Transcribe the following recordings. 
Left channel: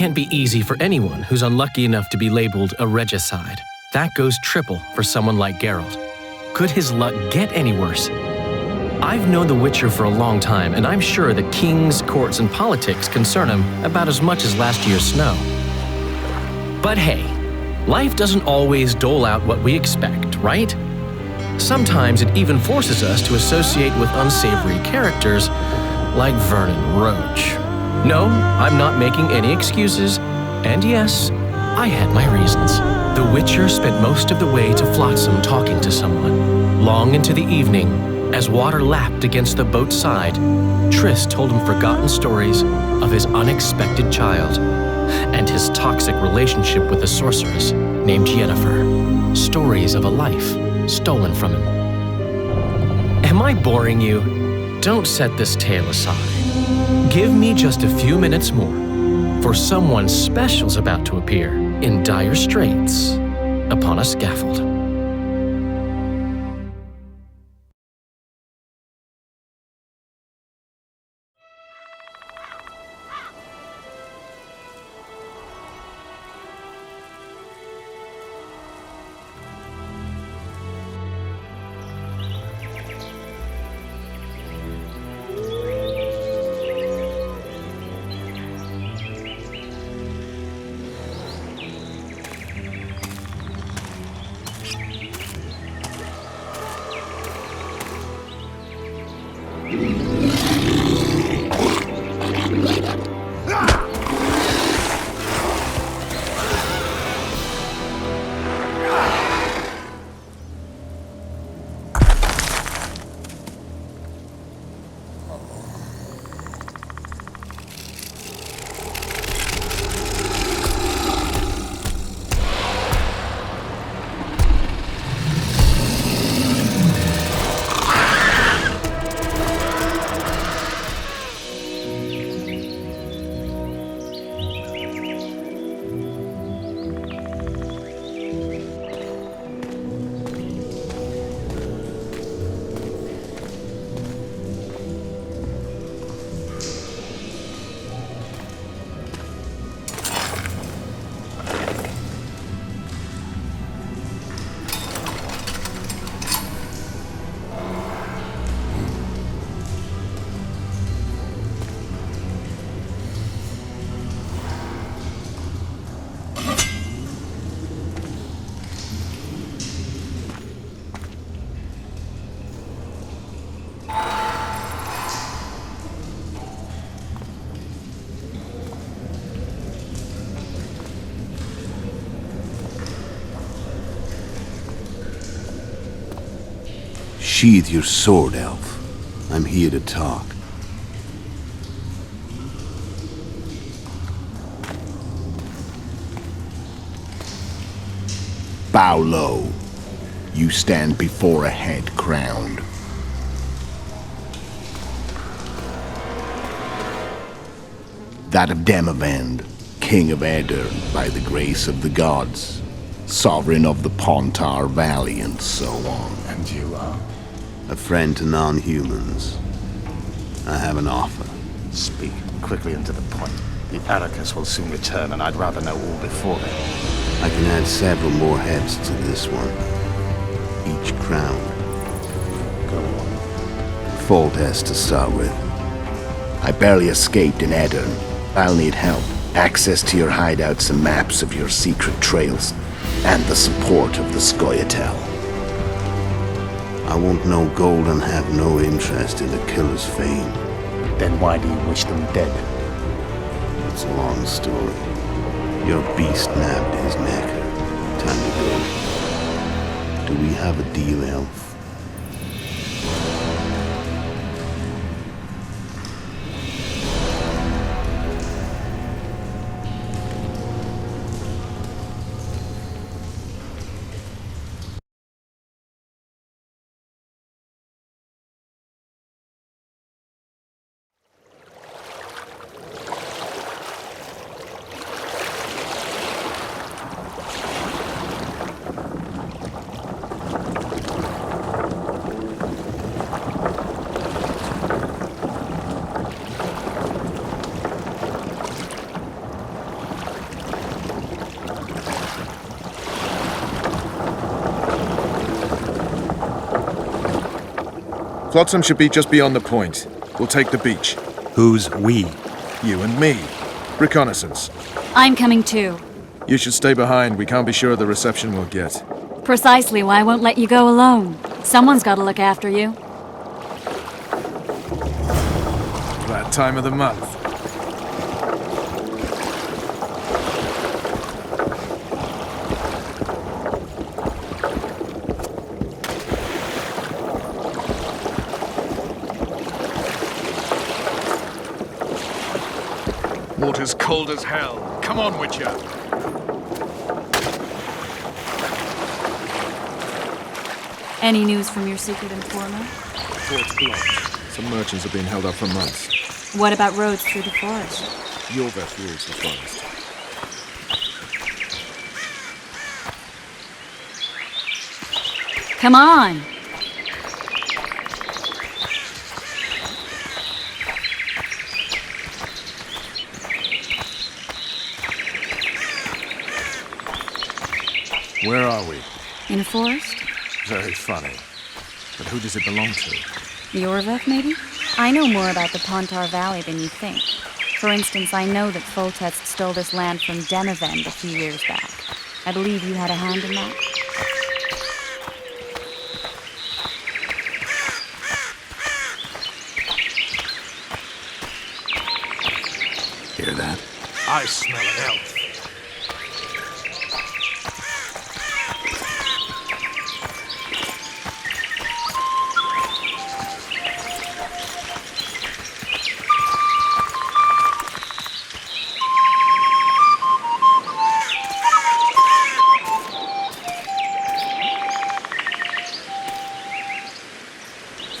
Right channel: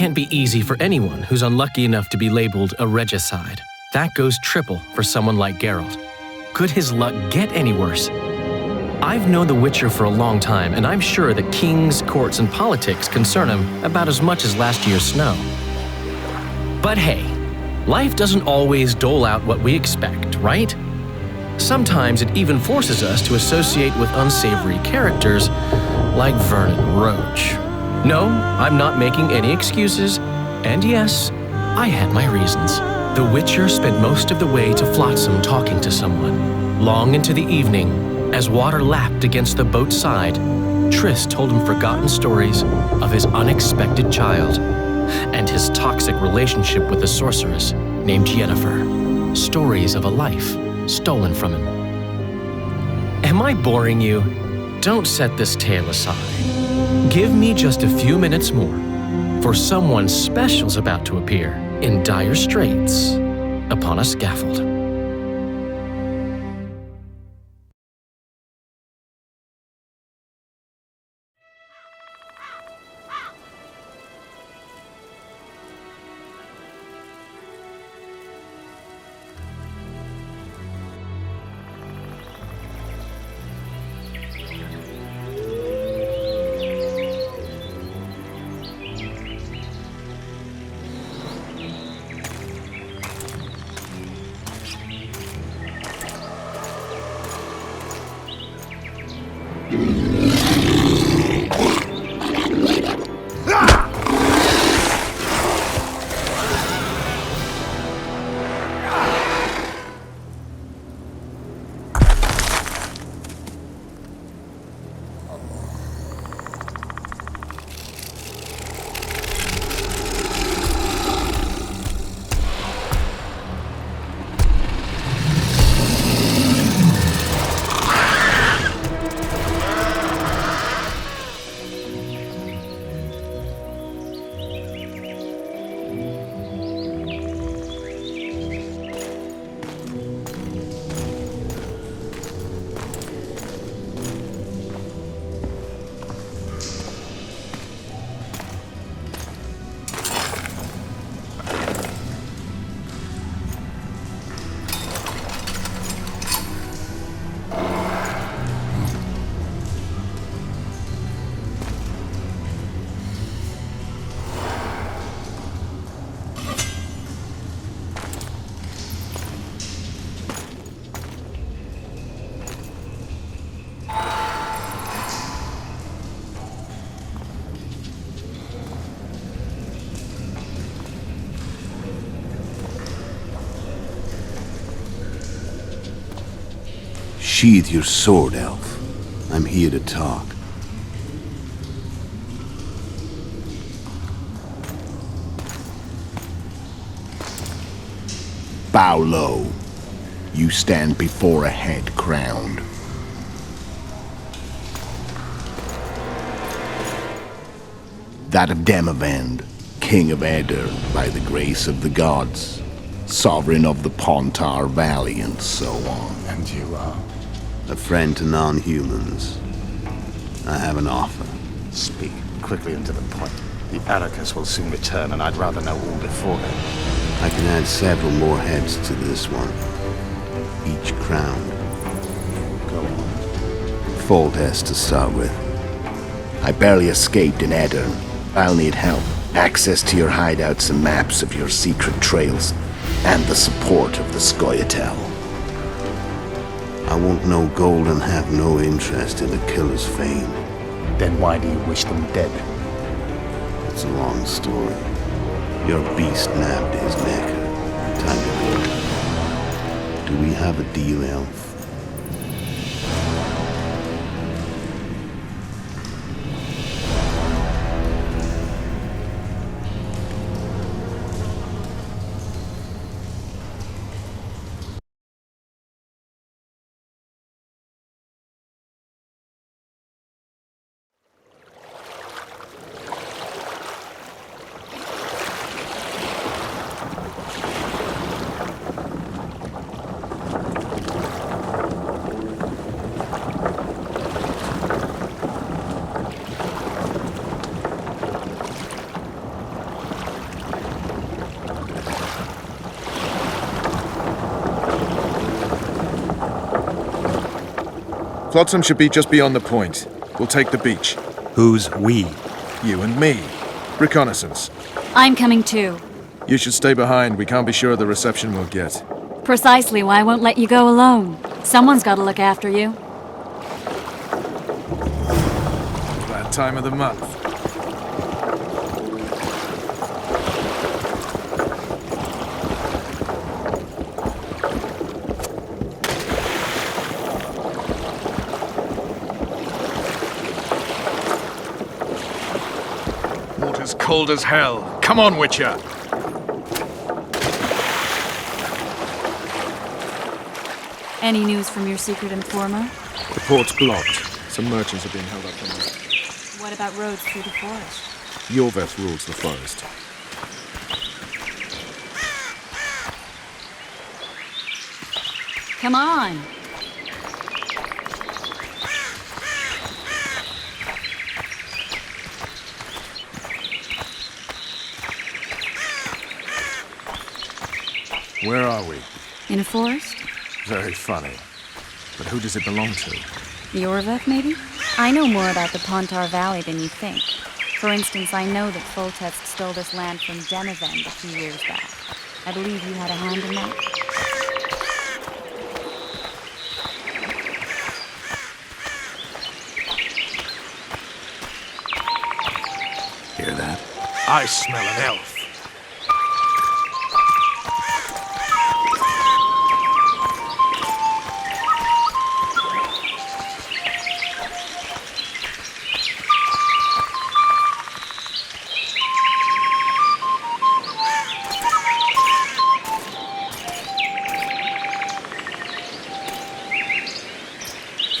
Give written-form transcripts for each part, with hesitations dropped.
Can't be easy for anyone who's unlucky enough to be labeled a regicide. That goes triple for someone like Geralt. Could his luck get any worse? I've known the Witcher for a long time, and I'm sure that kings, courts, and politics concern him about as much as last year's snow. But hey, life doesn't always dole out what we expect, right? Sometimes it even forces us to associate with unsavory characters like Vernon Roach. No, I'm not making any excuses, and yes, I had my reasons. The Witcher spent most of the way to Flotsam talking to someone. Long into the evening, as water lapped against the boat's side, Triss told him forgotten stories of his unexpected child and his toxic relationship with a sorceress named Yennefer. Stories of a life stolen from him. Am I boring you? Don't set this tale aside. Give me just a few minutes more, for someone special's about to appear in dire straits upon a scaffold. Sheathe your sword, elf. I'm here to talk. Bow low. You stand before a head crowned. That of Demavend, King of Aedirn by the grace of the gods, sovereign of the Pontar Valley, and so on. And you are? A friend to non-humans. I have an offer. Speak quickly and to the point. The Arrakis will soon return, and I'd rather know all before then. I can add several more heads to this one. Each crowned. Go on. Foltest to start with. I barely escaped in Aedirn. I'll need help. Access to your hideouts and maps of your secret trails, and the support of the Scoia'tael. I want no gold and have no interest in the killer's fame. Then why do you wish them dead? It's a long story. Your beast nabbed his necker. Time to go. Do we have a deal, elf? Flotsam should be just beyond the point. We'll take the beach. Who's we? You and me. Reconnaissance. I'm coming too. You should stay behind. We can't be sure of the reception we'll get. Precisely why I won't let you go alone. Someone's got to look after you. That time of the month. Water's cold as hell. Come on, Witcher. Any news from your secret informer? The port's blocked. Some merchants have been held up for months. What about roads through the forest? Yorveth rules the forest. Come on! Where are we? In a forest? Very funny. But who does it belong to? Yorveth, maybe? I know more about the Pontar Valley than you think. For instance, I know that Foltest stole this land from Demavend a few years back. I believe you had a hand in that. Hear that? I smell an elf.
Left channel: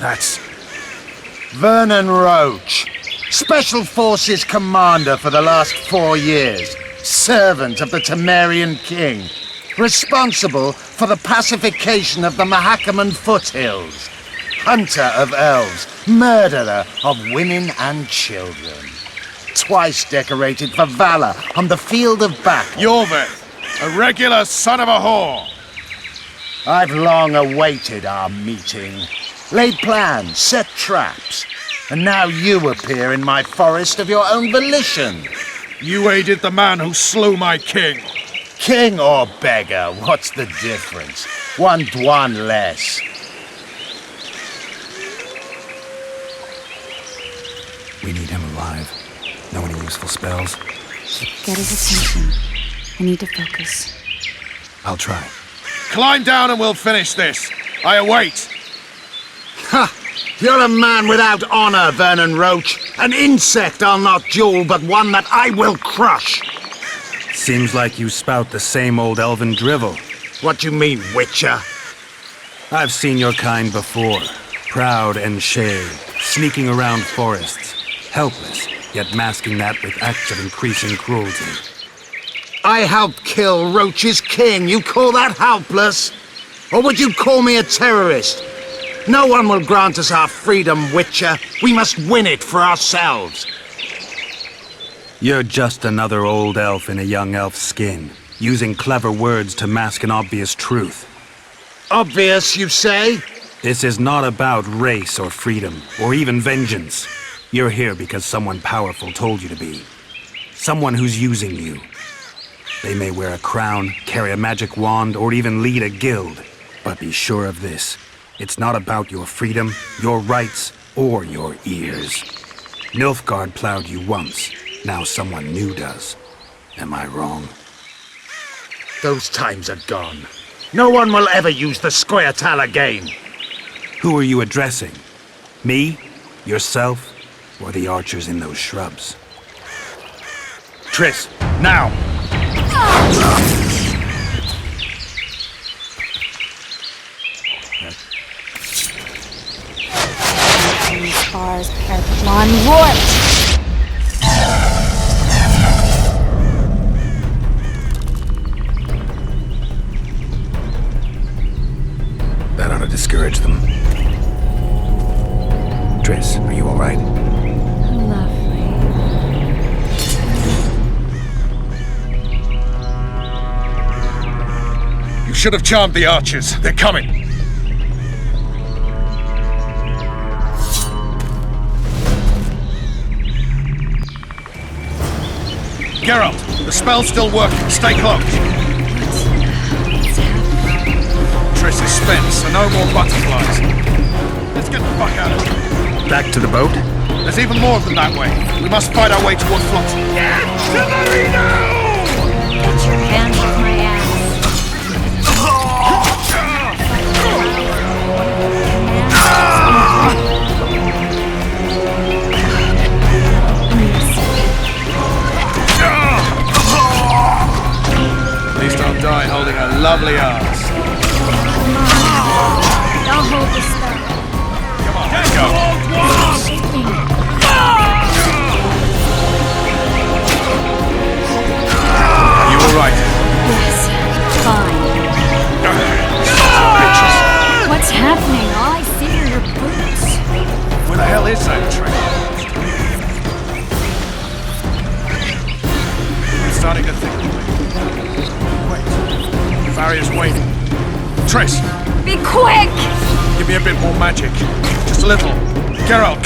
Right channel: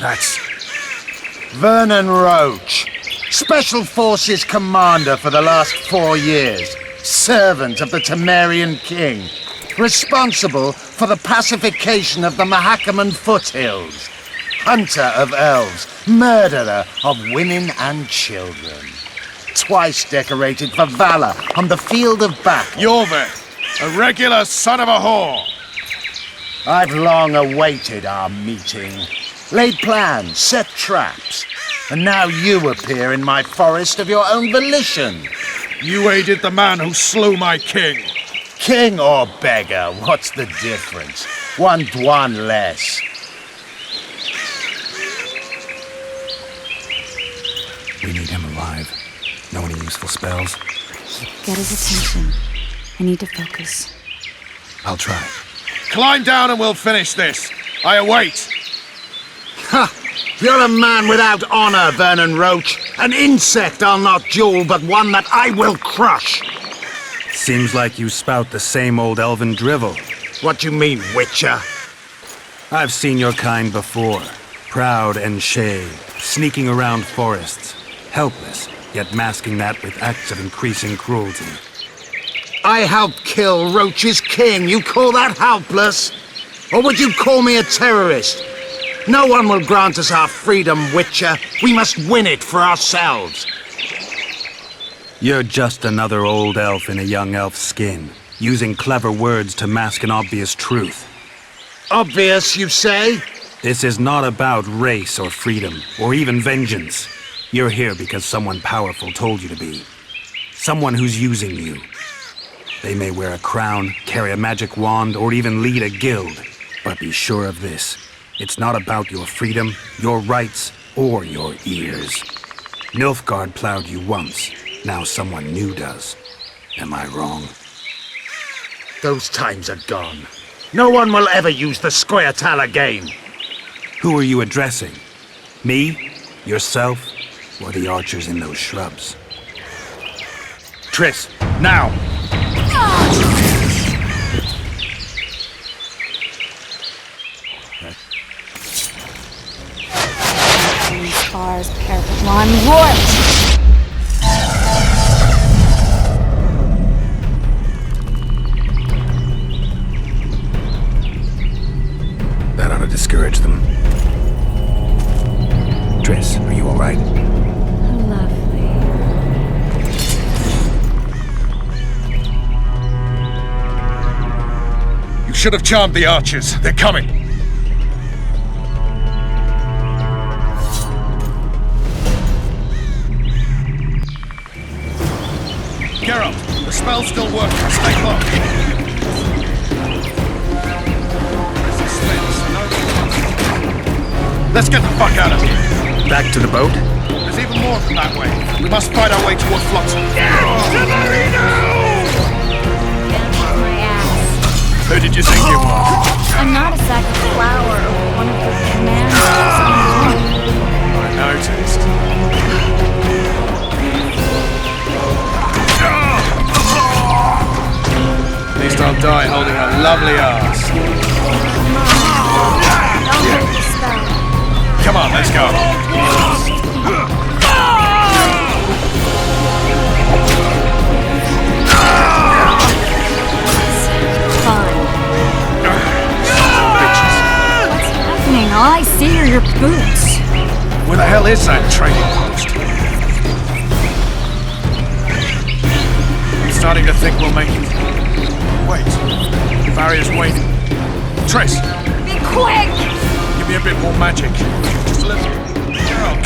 That's... Vernon Roach, Special Forces Commander for the last 4 years, servant of the Temerian King, responsible for the pacification of the Mahakaman foothills, hunter of elves, murderer of women and children, twice decorated for valor on the field of battle. Yorveth, a regular son of a whore. I've long awaited our meeting. Laid plans, set traps, and now you appear in my forest of your own volition. You aided the man who slew my king. King or beggar, what's the difference? One Dwan less. We need him alive. Know any useful spells? Get his attention. I need to focus. I'll try. Climb down and we'll finish this. I await. Ha! You're a man without honor, Vernon Roach. An insect I'll not duel, but one that I will crush. Seems like you spout the same old elven drivel. What you mean, Witcher? I've seen your kind before. Proud and shaved, sneaking around forests. Helpless, yet masking that with acts of increasing cruelty. I helped kill Roach's king. You call that helpless? Or would you call me a terrorist? No one will grant us our freedom, Witcher. We must win it for ourselves. You're just another old elf in a young elf's skin, using clever words to mask an obvious truth. Obvious, you say? This is not about race or freedom, or even vengeance. You're here because someone powerful told you to be. Someone who's using you. They may wear a crown, carry a magic wand, or even lead a guild. But be sure of this. It's not about your freedom, your rights, or your ears. Nilfgaard plowed you once. Now someone new does. Am I wrong? Those times are gone. No one will ever use the Squirtal again. Who are you addressing? Me? Yourself? Or the archers in those shrubs? Triss, now! Spars, parapet lawn, warped! That ought to discourage them. Triss, are you all right? Lovely. You should have charmed the archers. They're coming. spell's still working. Stay locked. Triss is spent, so no more butterflies. Let's get the fuck out of here. Back to the boat? There's even more from that way. Get to the Reno! Get your hands off my ass. Who did you think you were? I'm not exactly loud. I noticed. Come on. Get to Old Dwarf! You all right? What's happening? All I see are your boots. Where the hell is that trading post? I'm starting to think we'll make it. Wait. Give me a bit more magic. Just a little. Geralt.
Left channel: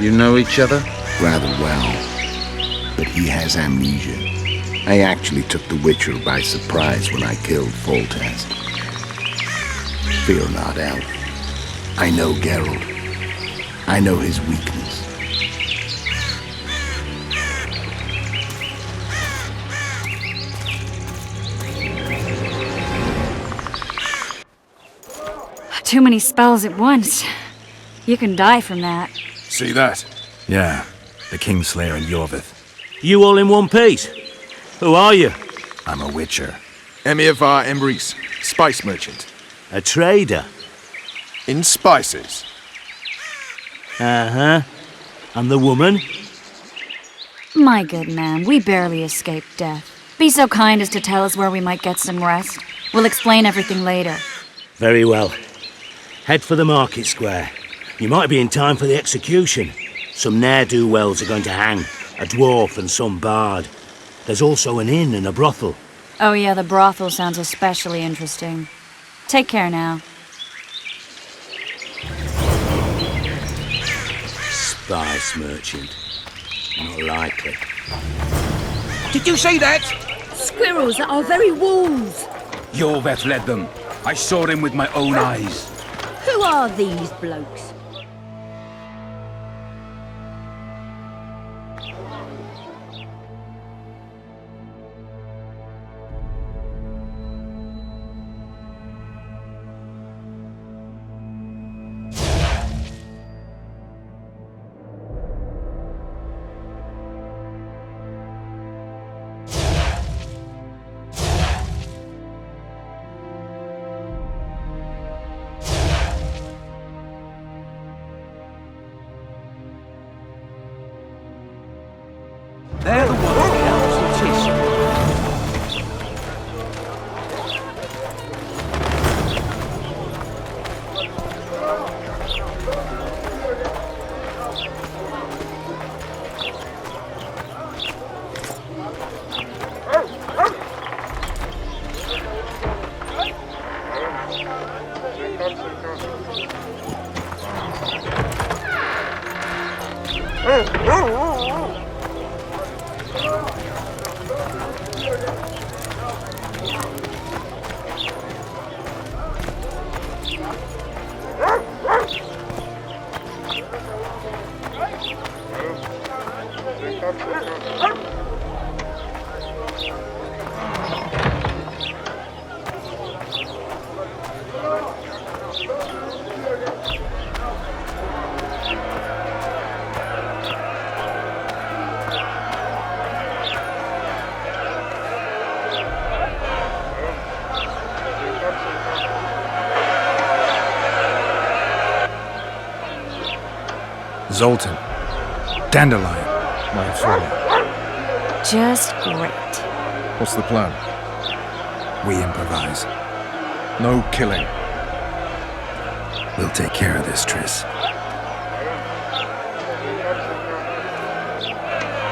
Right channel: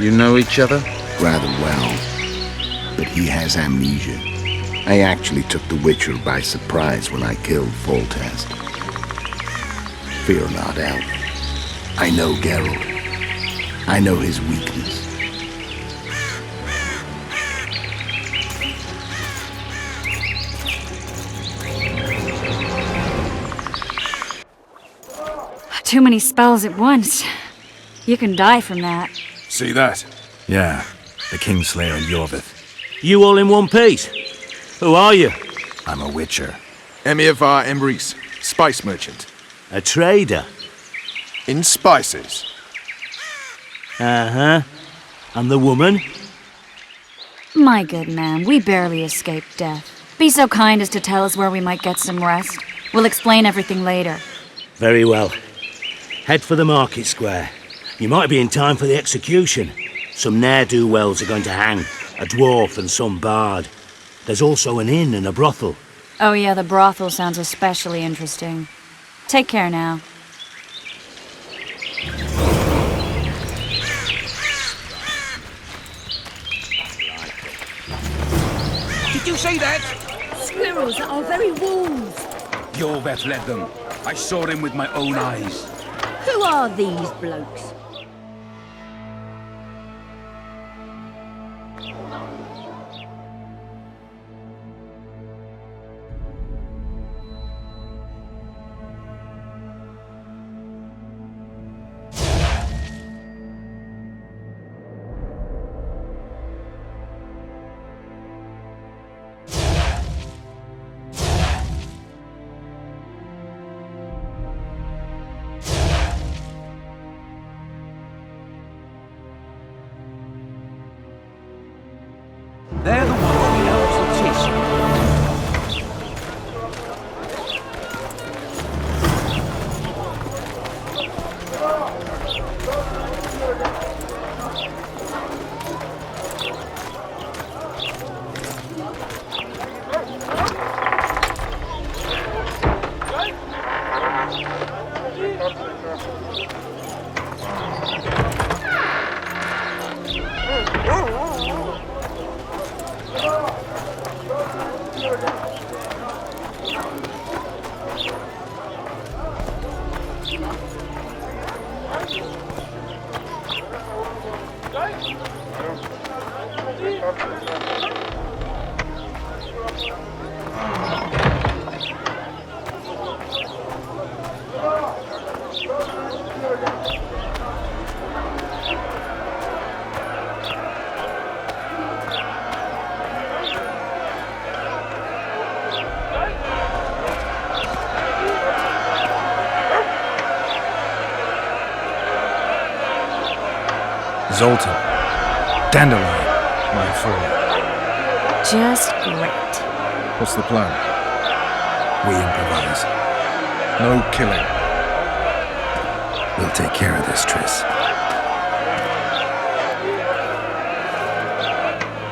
You know each other? Rather well. But he has amnesia. I actually took the Witcher by surprise when I killed Foltest. Fear not, Elf. I know Geralt. I know his weakness. Too many spells at once. You can die from that. See that? Yeah, the Kingslayer and Yorvith. You all in one piece? Who are you? I'm a Witcher. Emir var Emrys, spice merchant. A trader? In spices. Uh-huh. And the woman? My good man, we barely escaped death. Be so kind as to tell us where we might get some rest. We'll explain everything later. Very well. Head for the market square. You might be in time for the execution. Some ne'er-do-wells are going to hang. A dwarf and some bard. There's also an inn and a brothel. Oh yeah, the brothel sounds especially interesting. Take care now. Spice merchant. Not likely. Did you see that? Squirrels at our very walls. Yorveth led them. I saw them with my own eyes. Zoltan. Dandelion, my informer. Just great. What's the plan? We improvise. No killing. We'll take care of this, Triss.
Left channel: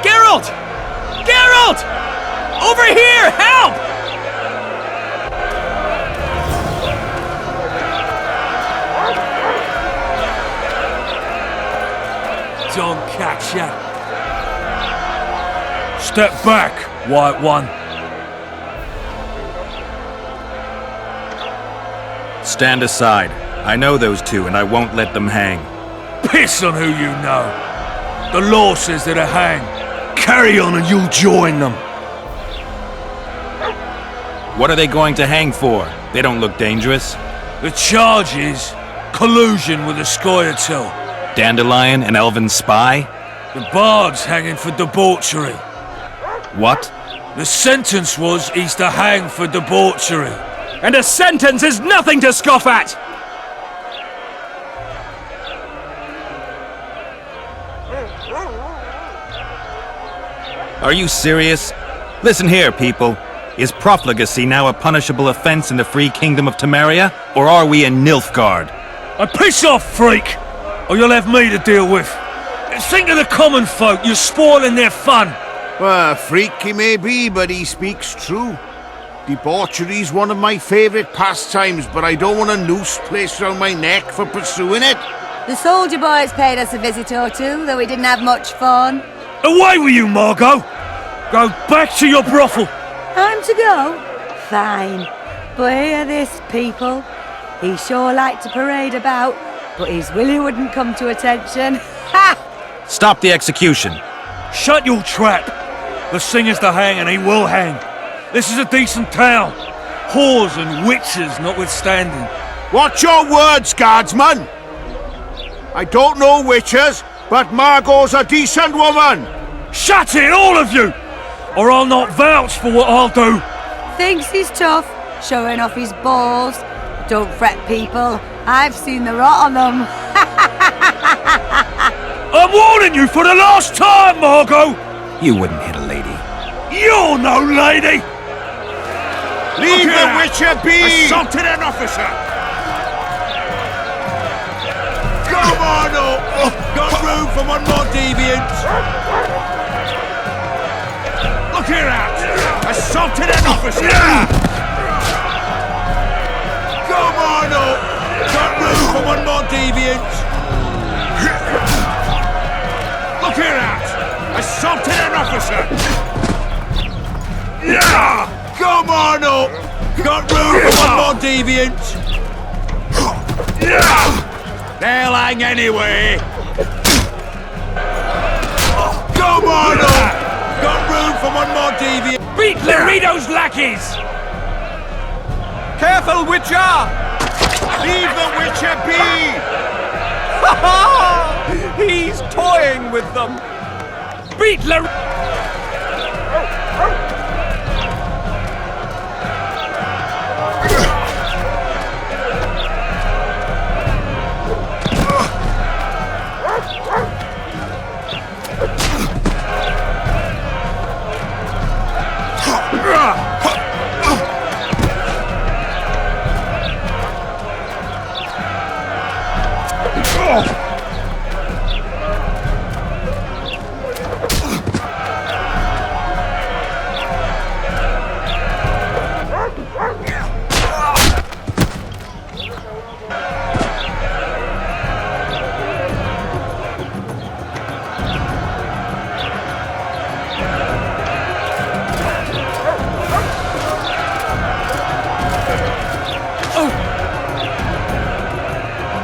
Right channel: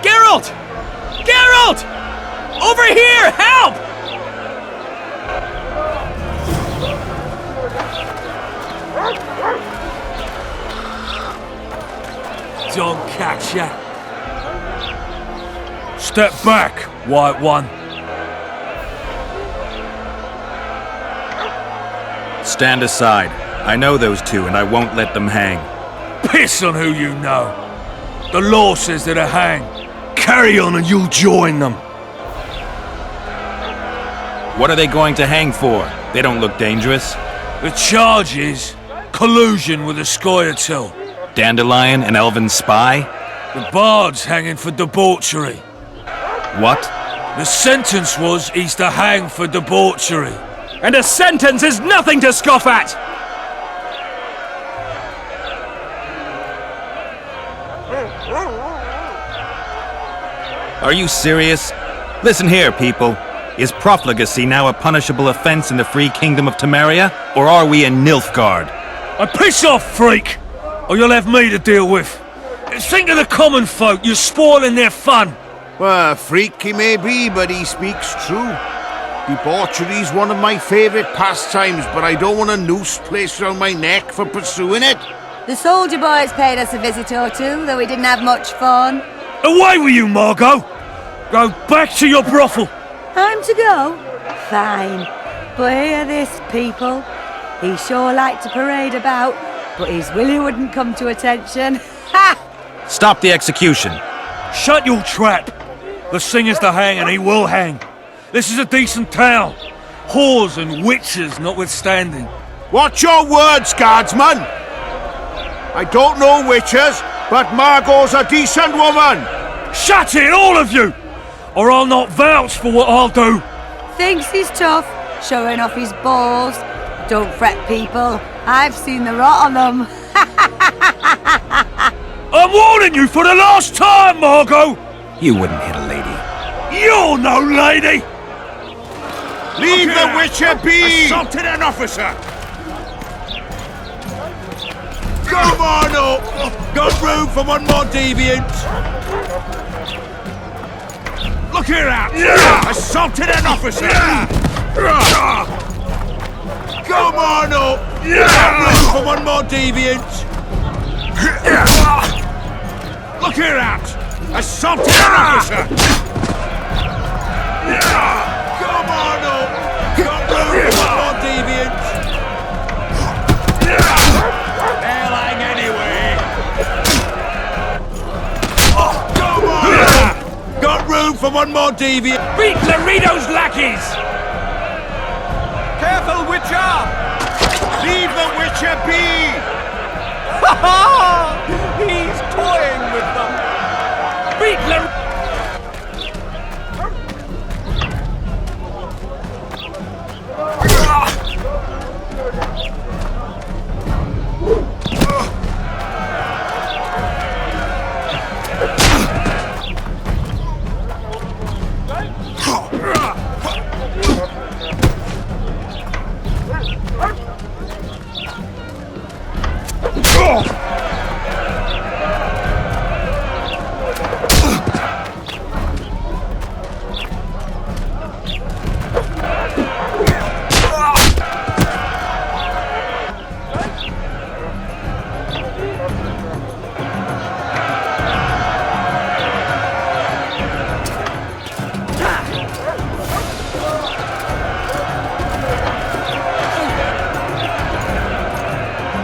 Geralt! Geralt! Over here! Help! Don't catch ya. Step back, White One. Stand aside. I know those two, and I won't let them hang. Piss on who you know. The law says they're to hang. Carry on and you'll join them. What are they going to hang for? They don't look dangerous. The charge is collusion with the Scoia'tael. Dandelion, an elven spy? The bard's hanging for debauchery. What? The sentence was he's to hang for debauchery. And a sentence is nothing to scoff at! Are you serious? Listen here, people. Is profligacy now a punishable offense in the free kingdom of Temeria? Or are we in Nilfgaard? Piss off, freak! Or you'll have me to deal with. Think of the common folk, you're spoiling their fun. Well, a freak he may be, but he speaks true. Debauchery's one of my favourite pastimes, but I don't want a noose placed around my neck for pursuing it. The soldier boys paid us a visit or two, though we didn't have much fun. Away with you, Margot! Go back to your brothel. Time to go? Fine. But hear this, people. He sure liked to parade about, but his Willie wouldn't come to attention. Ha! Stop the execution. Shut your trap. The singer's to hang and he will hang. This is a decent town. Whores and witches notwithstanding. Watch your words, guardsman! I don't know witches, but Margot's a decent woman! Shut it, all of you! Or I'll not vouch for what I'll do. Thinks he's tough, showing off his balls. Don't fret, people. I've seen the rot on them. I'm warning you for the last time, Margot! You wouldn't hit a lady. You're no lady! Leave the witcher be! Assaulted an officer! Come on up! Got room for one more deviant! Look here out! Assaulted an officer! Come on up! Got room for one more deviant! Look here out! Assaulted an officer! Come on up! Got room for one more deviant! They'll hang anyway! Come on up! Got room for one more deviant! Beat Laredo's lackeys! Careful, Witcher! Leave the witcher be! He's toying with them! Beat La...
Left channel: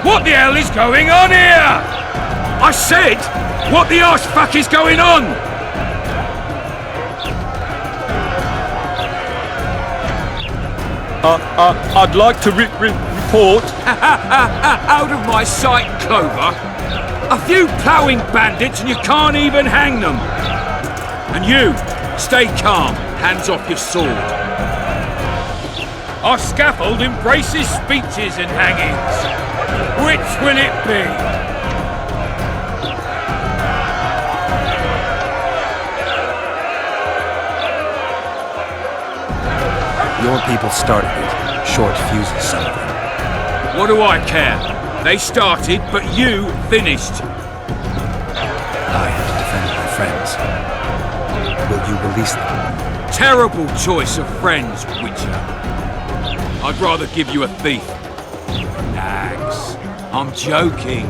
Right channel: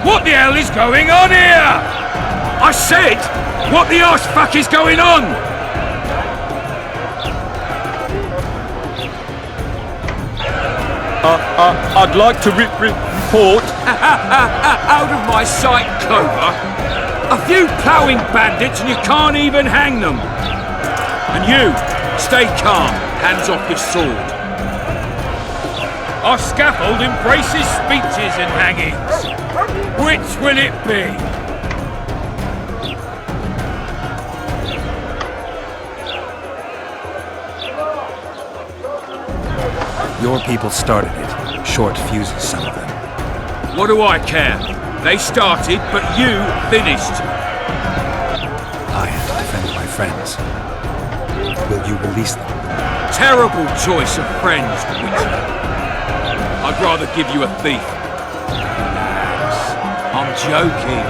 What the hell is going on here? I said, what the arse fuck is going on? I'd like to report. Out of my sight, Clover. A few ploughing bandits and you can't even hang them. And you, stay calm, hands off your sword. Our scaffold embraces speeches and hangings. Which will it be? Your people started it. Short fuses, some of them. What do I care? They started, but you finished. I had to defend my friends. Will you release them? Terrible choice of friends, Witcher. I'd rather give you a thief. Nags. I'm joking.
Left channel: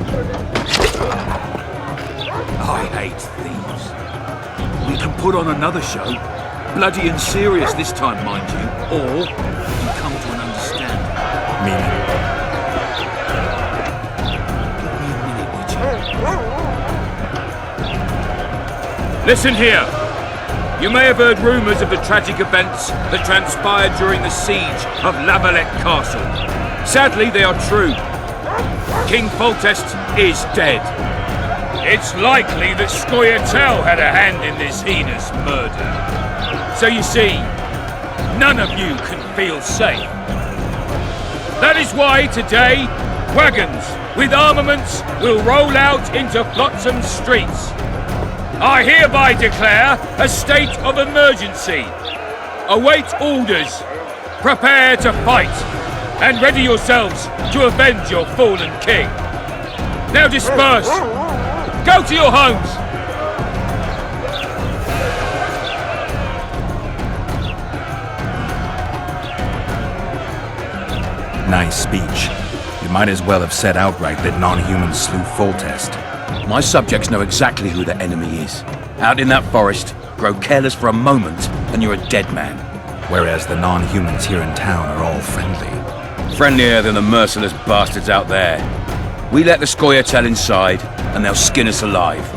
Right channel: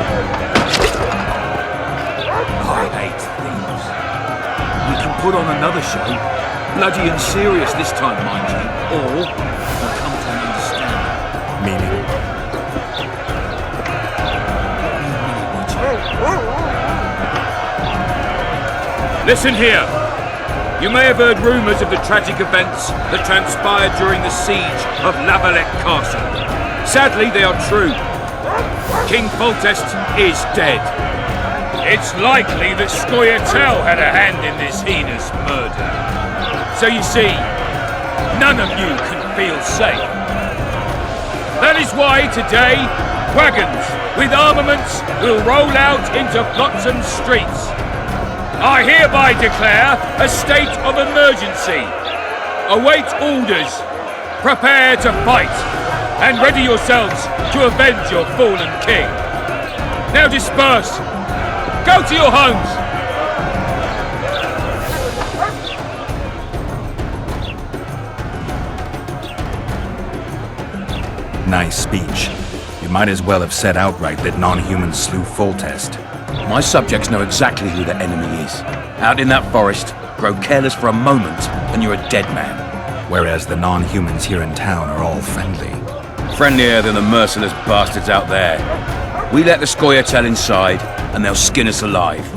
I hate thieves. We can put on another show. Bloody and serious this time, mind you. Or we can come to an understanding. Meaning? Give me a minute, Witcher. Listen here. You may have heard rumours of the tragic events that transpired during the siege of Lavalette Castle. Sadly, they are true. King Foltest is dead. It's likely that Scoia'tael had a hand in this heinous murder. So you see, none of you can feel safe. That is why today, wagons with armaments will roll out into Flotsam's streets. I hereby declare a state of emergency. Await orders. Prepare to fight. And ready yourselves to avenge your fallen king. Now disperse. Go to your homes. Nice speech. You might as well have said outright that non-humans slew Foltest. My subjects know exactly who the enemy is. Out in that forest, grow careless for a moment, and you're a dead man. Whereas the non-humans here in town are all friendly. Friendlier than the merciless bastards out there. We let the Scoia'tael inside, and they'll skin us alive,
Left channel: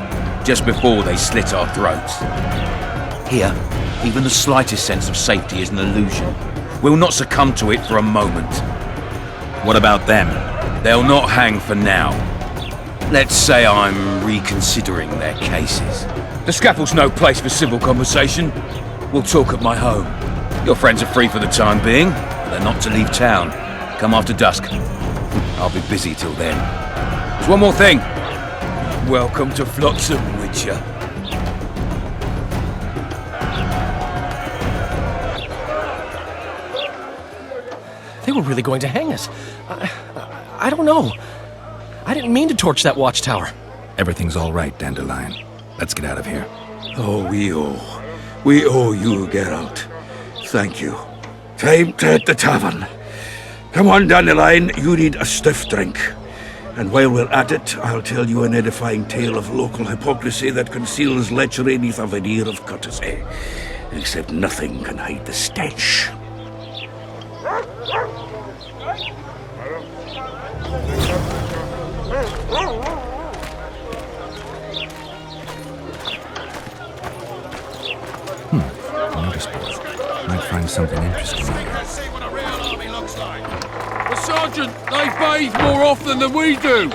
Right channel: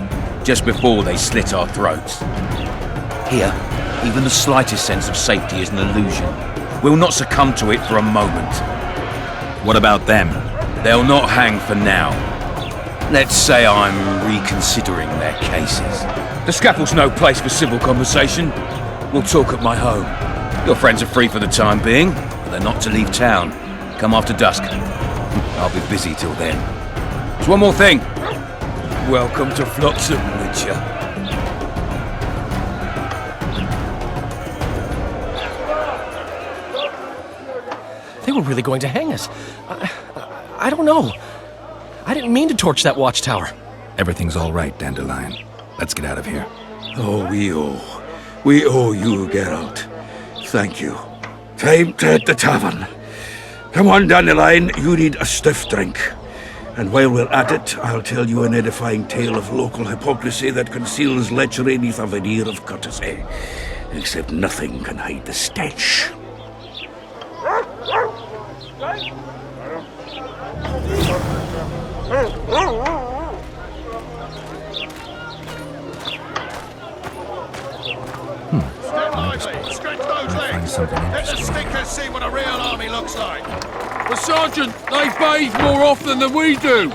just before they slit our throats. Here, even the slightest sense of safety is an illusion. We'll not succumb to it for a moment. What about them? They'll not hang for now. Let's say I'm reconsidering their cases. The scaffold's no place for civil conversation. We'll talk at my home. Your friends are free for the time being, but they're not to leave town. Come after dusk. I'll be busy till then. There's one more thing. Welcome to Flotsam, Witcher. They were really going to hang us. I don't know. I didn't mean to torch that watchtower. Everything's all right, Dandelion. Let's get out of here. Oh, we owe you, Geralt. Thank you. Time to hit the tavern. Come on, Dandelion, you need a stiff drink. And while we're at it, I'll tell you an edifying tale of local hypocrisy that conceals lechery neath a veneer of courtesy. Except nothing can hide the stench. Notice board. Might find something interesting here. Sergeant, they bathe more often than we do.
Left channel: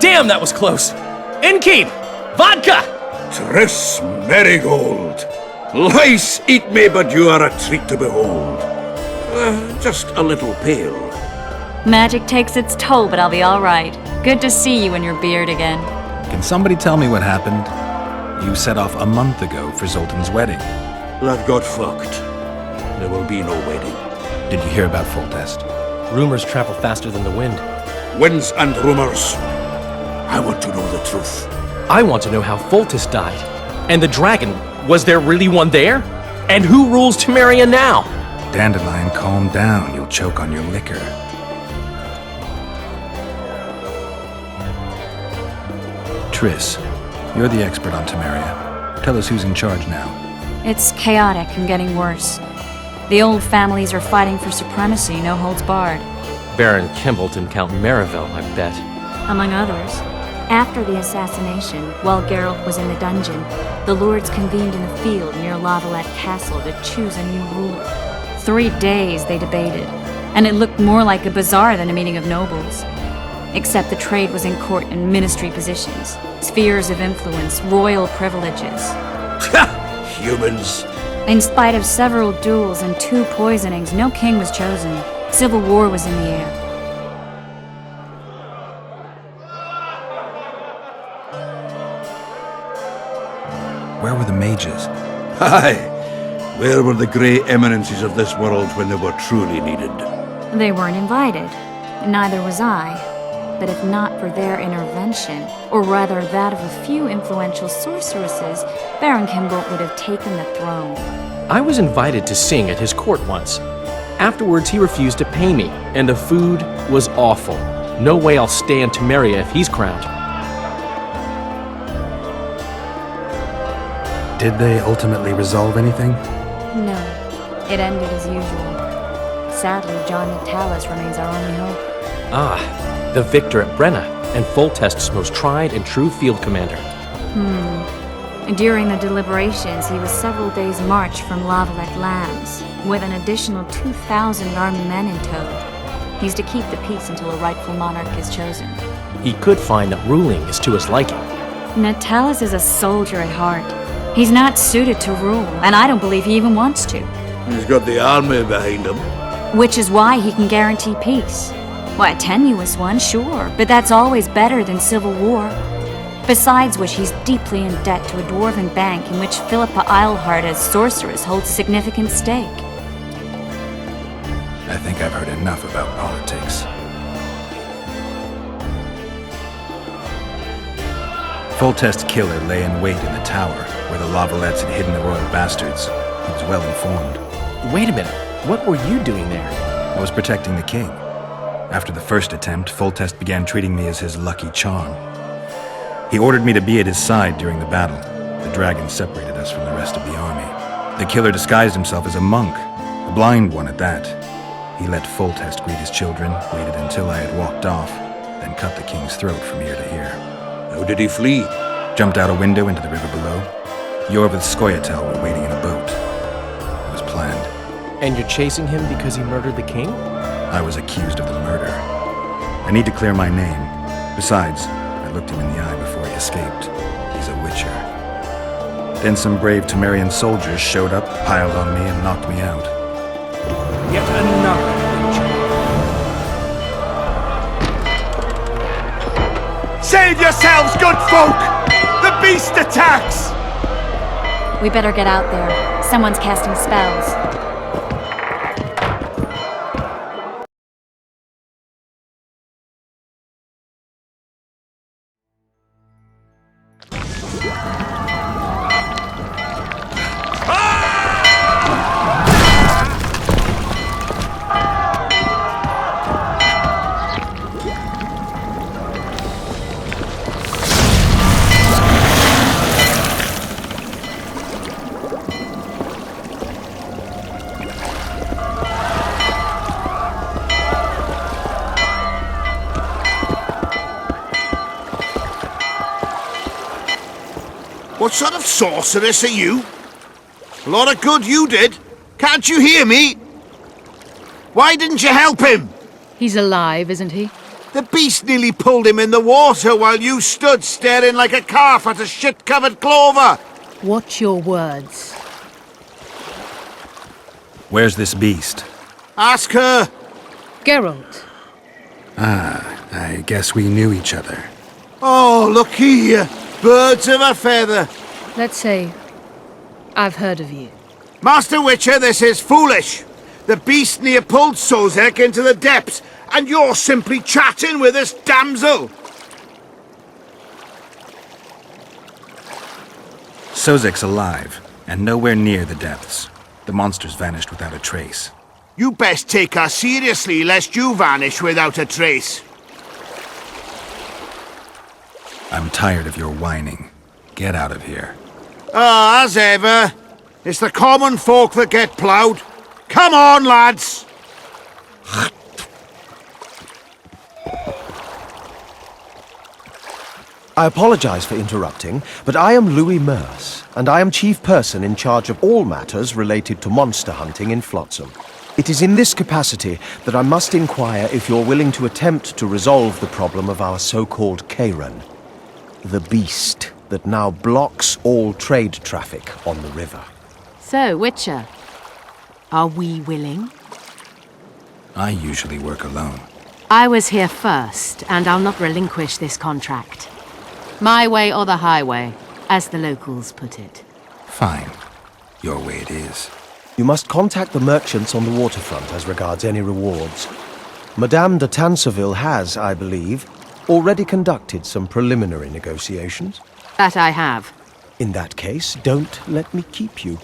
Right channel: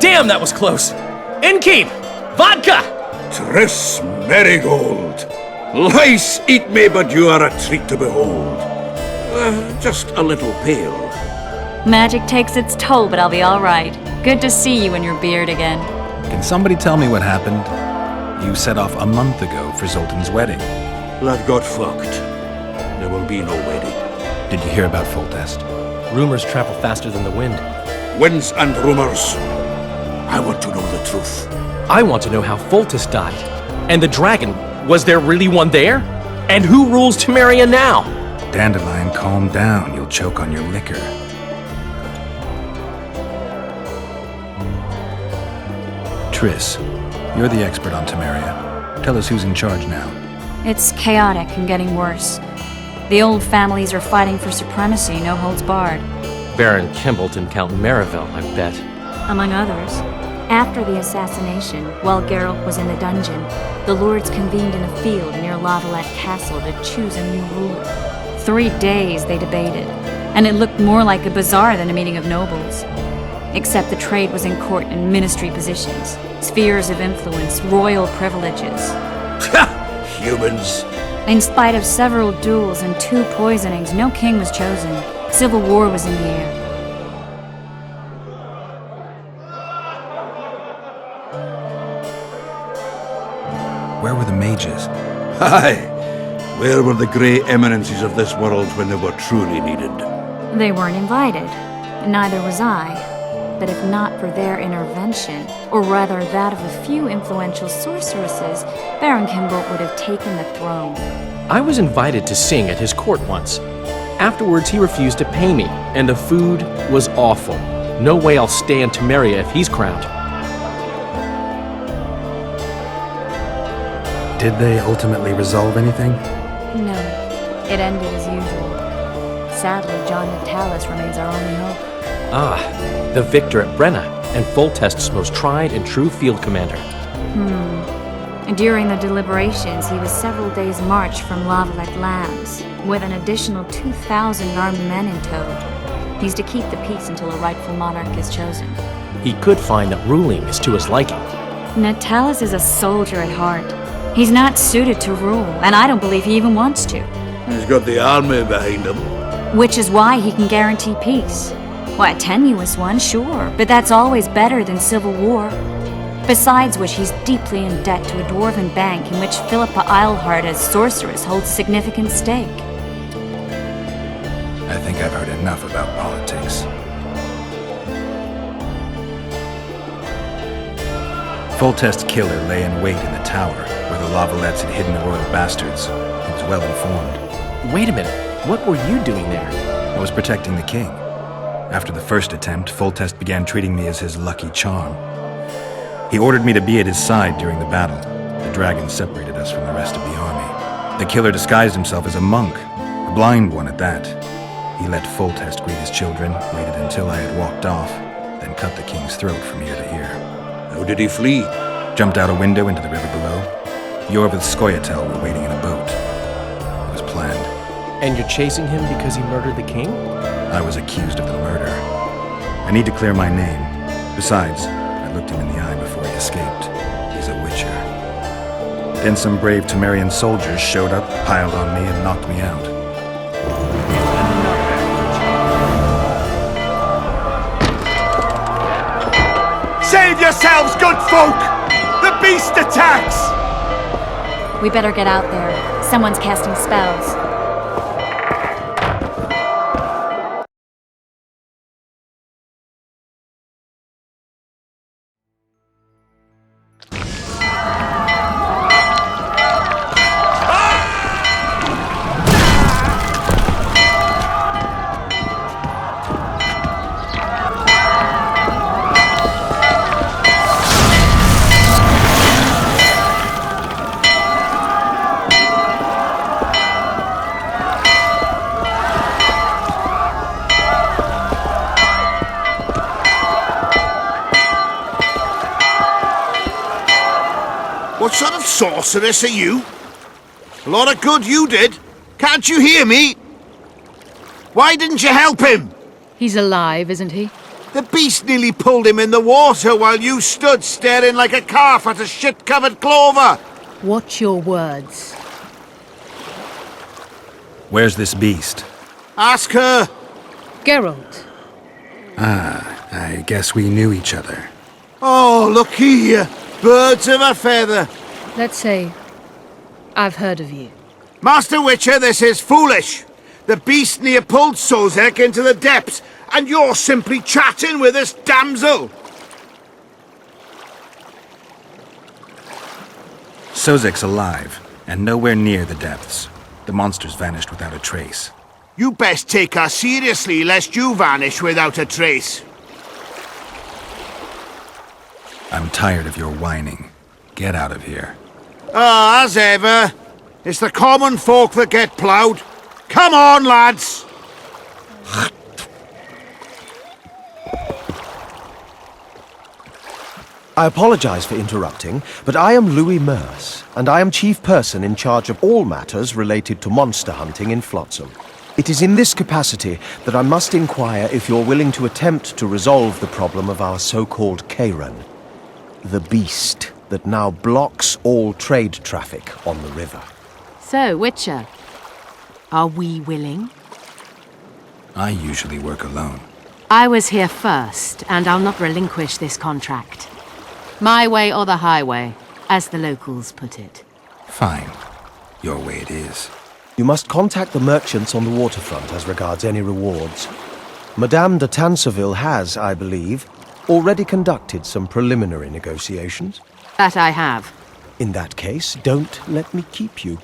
Damn, that was close. Innkeep! Vodka! Triss Marigold! Lice eat me, but you are a treat to behold. Just a little pale. Magic takes its toll, but I'll be all right. Good to see you in your beard again. Can somebody tell me what happened? You set off a month ago for Zoltan's wedding. That got fucked. There will be no wedding. Did you hear about Foltest? Rumors travel faster than the wind. Winds and rumors. I want to know the truth. I want to know how Foltest died. And the dragon, was there really one there? And who rules Temeria now? Dandelion, calm down. You'll choke on your liquor. Triss, you're the expert on Temeria. Tell us who's in charge now. It's chaotic and getting worse. The old families are fighting for supremacy, no holds barred. Baron Kimbolt and Count Merivale, I bet. Among others. After the assassination, while Geralt was in the dungeon, the lords convened in a field near Lavalette Castle to choose a new ruler. 3 days they debated, and it looked more like a bazaar than a meeting of nobles. Except the trade was in court and ministry positions, spheres of influence, royal privileges. Humans. In spite of several duels and 2 poisonings, no king was chosen. Civil war was in the air. Where were the mages? Aye. Where were the grey eminences of this world when they were truly needed? They weren't invited. Neither was I. But if not for their intervention, or rather that of a few influential sorceresses, Baron Kimbolt would have taken the throne. I was invited to sing at his court once. Afterwards, he refused to pay me, and the food was awful. No way I'll stay in Temeria if he's crowned. Did they ultimately resolve anything? No, it ended as usual. Sadly, John Natalis remains our only hope. Ah, the victor at Brenna, and Foltest's most tried and true field commander. During the deliberations, he was several days' march from Lavalette lands, with an additional 2,000 armed men in tow. He's to keep the peace until a rightful monarch is chosen. He could find that ruling is to his liking. Natalis is a soldier at heart. He's not suited to rule, and I don't believe he even wants to. He's got the army behind him. Which is why he can guarantee peace. Why, a tenuous one, sure, but that's always better than civil war. Besides which, he's deeply in debt to a dwarven bank in which Philippa Eilhart as sorceress holds a significant stake. I think I've heard enough about politics. Foltest's killer lay in wait in the tower, where the Lavalettes had hidden the royal bastards. He was well informed. Wait a minute, what were you doing there? I was protecting the king. After the first attempt, Foltest began treating me as his lucky charm. He ordered me to be at his side during the battle. The dragon separated us from the rest of the army. The killer disguised himself as a monk, a blind one at that. He let Foltest greet his children, waited until I had walked off, then cut the king's throat from ear to ear. How did he flee? Jumped out a window into the river below. Yorv and Skoyatel were waiting in a boat. It was planned. And you're chasing him because he murdered the king? I was accused of the murder. I need to clear my name. Besides, I looked him in the eye before he escaped. He's a witcher. Then some brave Temerian soldiers showed up, piled on me, and knocked me out. Yet another witcher. Save yourselves, good folk! The beast attacks! We better get out there. Someone's casting spells. What sort of sorceress are you? A lot of good you did. Can't you hear me? Why didn't you help him? He's alive, isn't he? The beast nearly pulled him in the water while you stood staring like a calf at a shit-covered clover. Watch your words. Where's this beast? Ask her. Geralt. Ah, I guess we knew each other. Oh, look here. Birds of a feather. Let's say I've heard of you. Master Witcher, this is foolish. The beast near pulled Sozek into the depths, and you're simply chatting with this damsel. Sozek's alive, and nowhere near the depths. The monster's vanished without a trace. You best take her seriously, lest you vanish without a trace. I'm tired of your whining. Get out of here. Ah, as ever. It's the common folk that get ploughed. Come on, lads! I apologize for interrupting, but I am Louis Merce, and I am chief person in charge of all matters related to monster hunting in Flotsam. It is in this capacity that I must inquire if you're willing to attempt to resolve the problem of our so-called Kairan, the beast that now blocks all trade traffic on the river. So, Witcher, are we willing? I usually work alone. I was here first, and I'll not relinquish this contract. My way or the highway, as the locals put it. Fine. Your way it is. You must contact the merchants on the waterfront as regards any rewards. Madame de Tanseville has, I believe, already conducted some preliminary negotiations. That I have. In that case, don't let me keep you.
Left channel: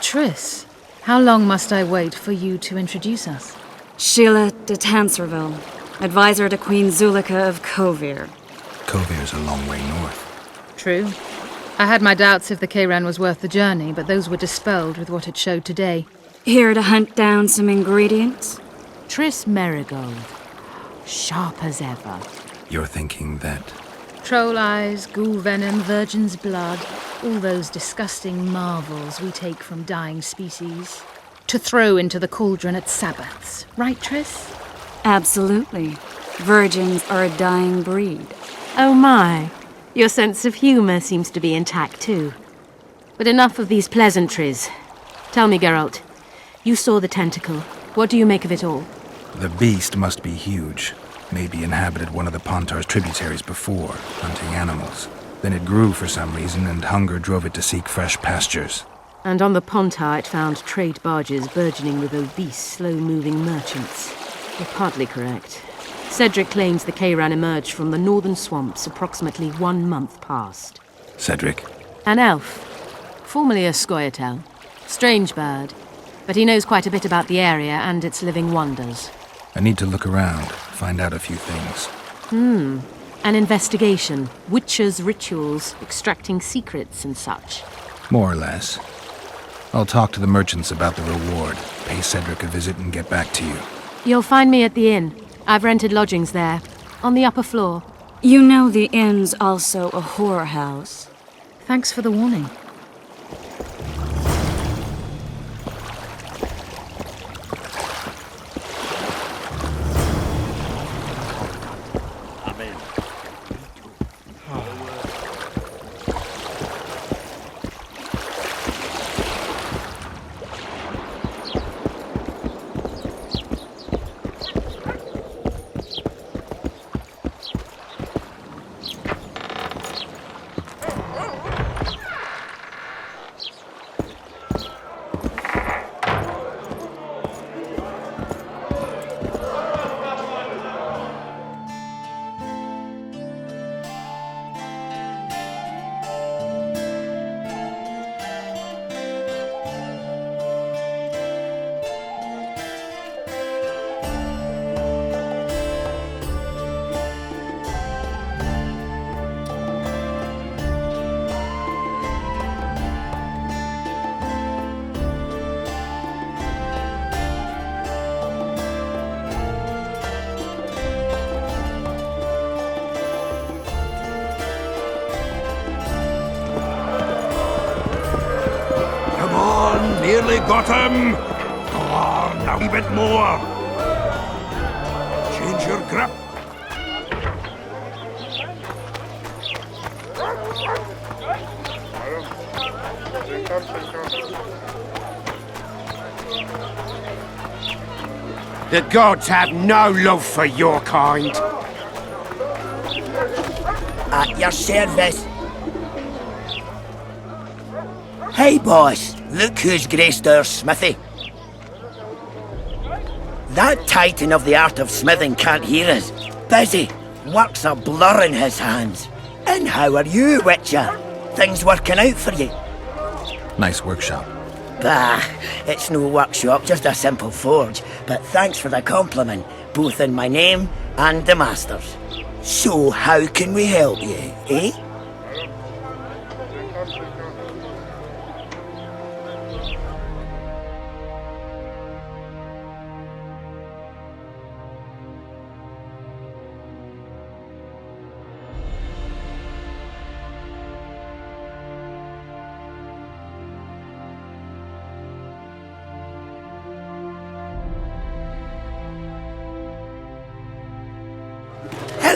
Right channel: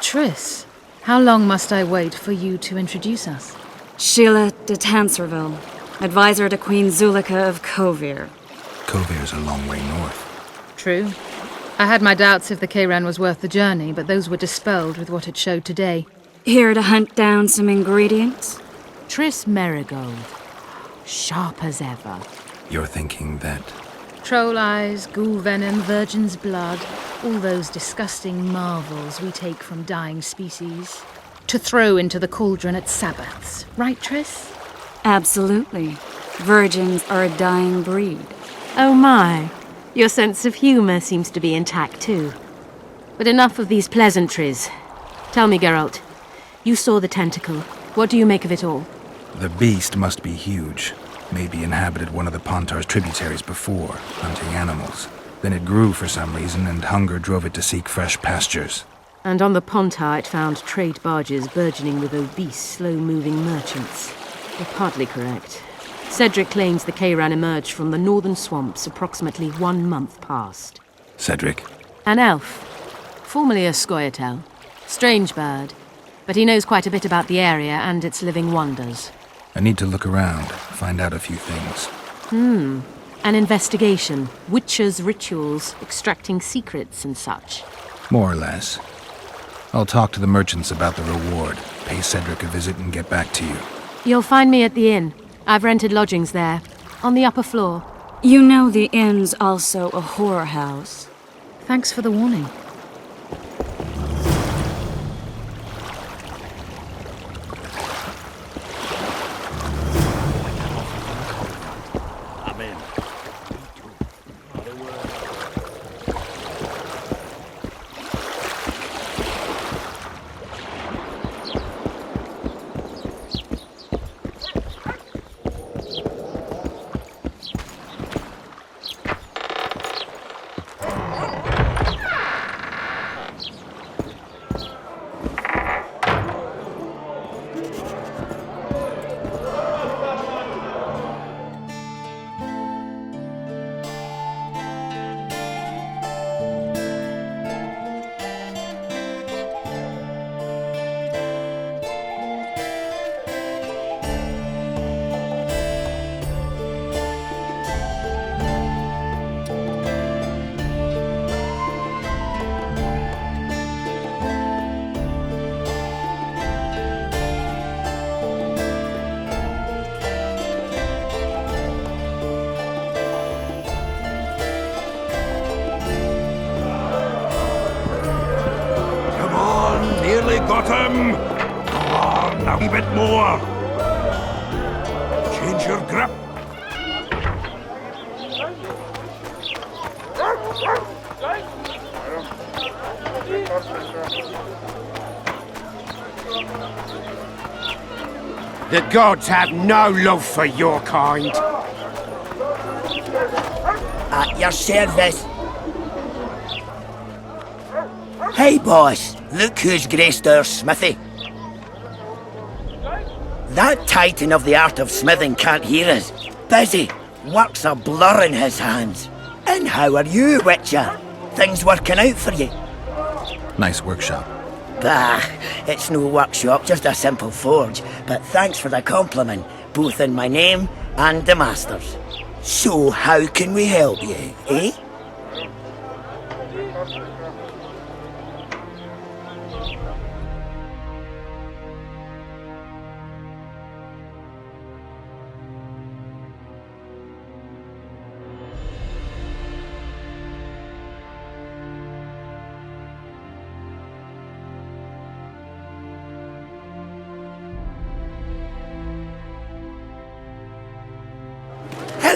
Triss, how long must I wait for you to introduce us? Sheila de Tanserville, advisor to Queen Zulika of Kovir. Kovir's a long way north. True. I had my doubts if the Kayran was worth the journey, but those were dispelled with what it showed today. Here to hunt down some ingredients? Triss Merigold. Sharp as ever. You're thinking that... Troll eyes, ghoul venom, virgin's blood, all those disgusting marvels we take from dying species. To throw into the cauldron at Sabbaths. Right, Triss? Absolutely. Virgins are a dying breed. Oh my. Your sense of humour seems to be intact too. But enough of these pleasantries. Tell me, Geralt. You saw the tentacle. What do you make of it all? The beast must be huge. Maybe inhabited one of the Pontar's tributaries before, hunting animals. Then it grew for some reason, and hunger drove it to seek fresh pastures. And on the Pontar it found trade barges burgeoning with obese, slow-moving merchants. You're partly correct. Cedric claims the Kayran emerged from the northern swamps approximately 1 month past. Cedric? An elf. Formerly a Scoia'tael. Strange bird. But he knows quite a bit about the area and its living wonders. I need to look around, find out a few things. An investigation. Witches' rituals, extracting secrets and such. More or less. I'll talk to the merchants about the reward, pay Cedric a visit and get back to you. You'll find me at the inn. I've rented lodgings there, on the upper floor. You know the inn's also a whorehouse. Thanks for the warning. The gods have no love for your kind. At your service. Hey, boss. Look who's graced our smithy. That titan of the art of smithing can't hear us. Busy. Work's a blur in his hands. And how are you, Witcher? Things working out for you? Nice workshop. Bah, it's no workshop, just a simple forge. But thanks for the compliment, both in my name and the master's. So how can we help you, eh?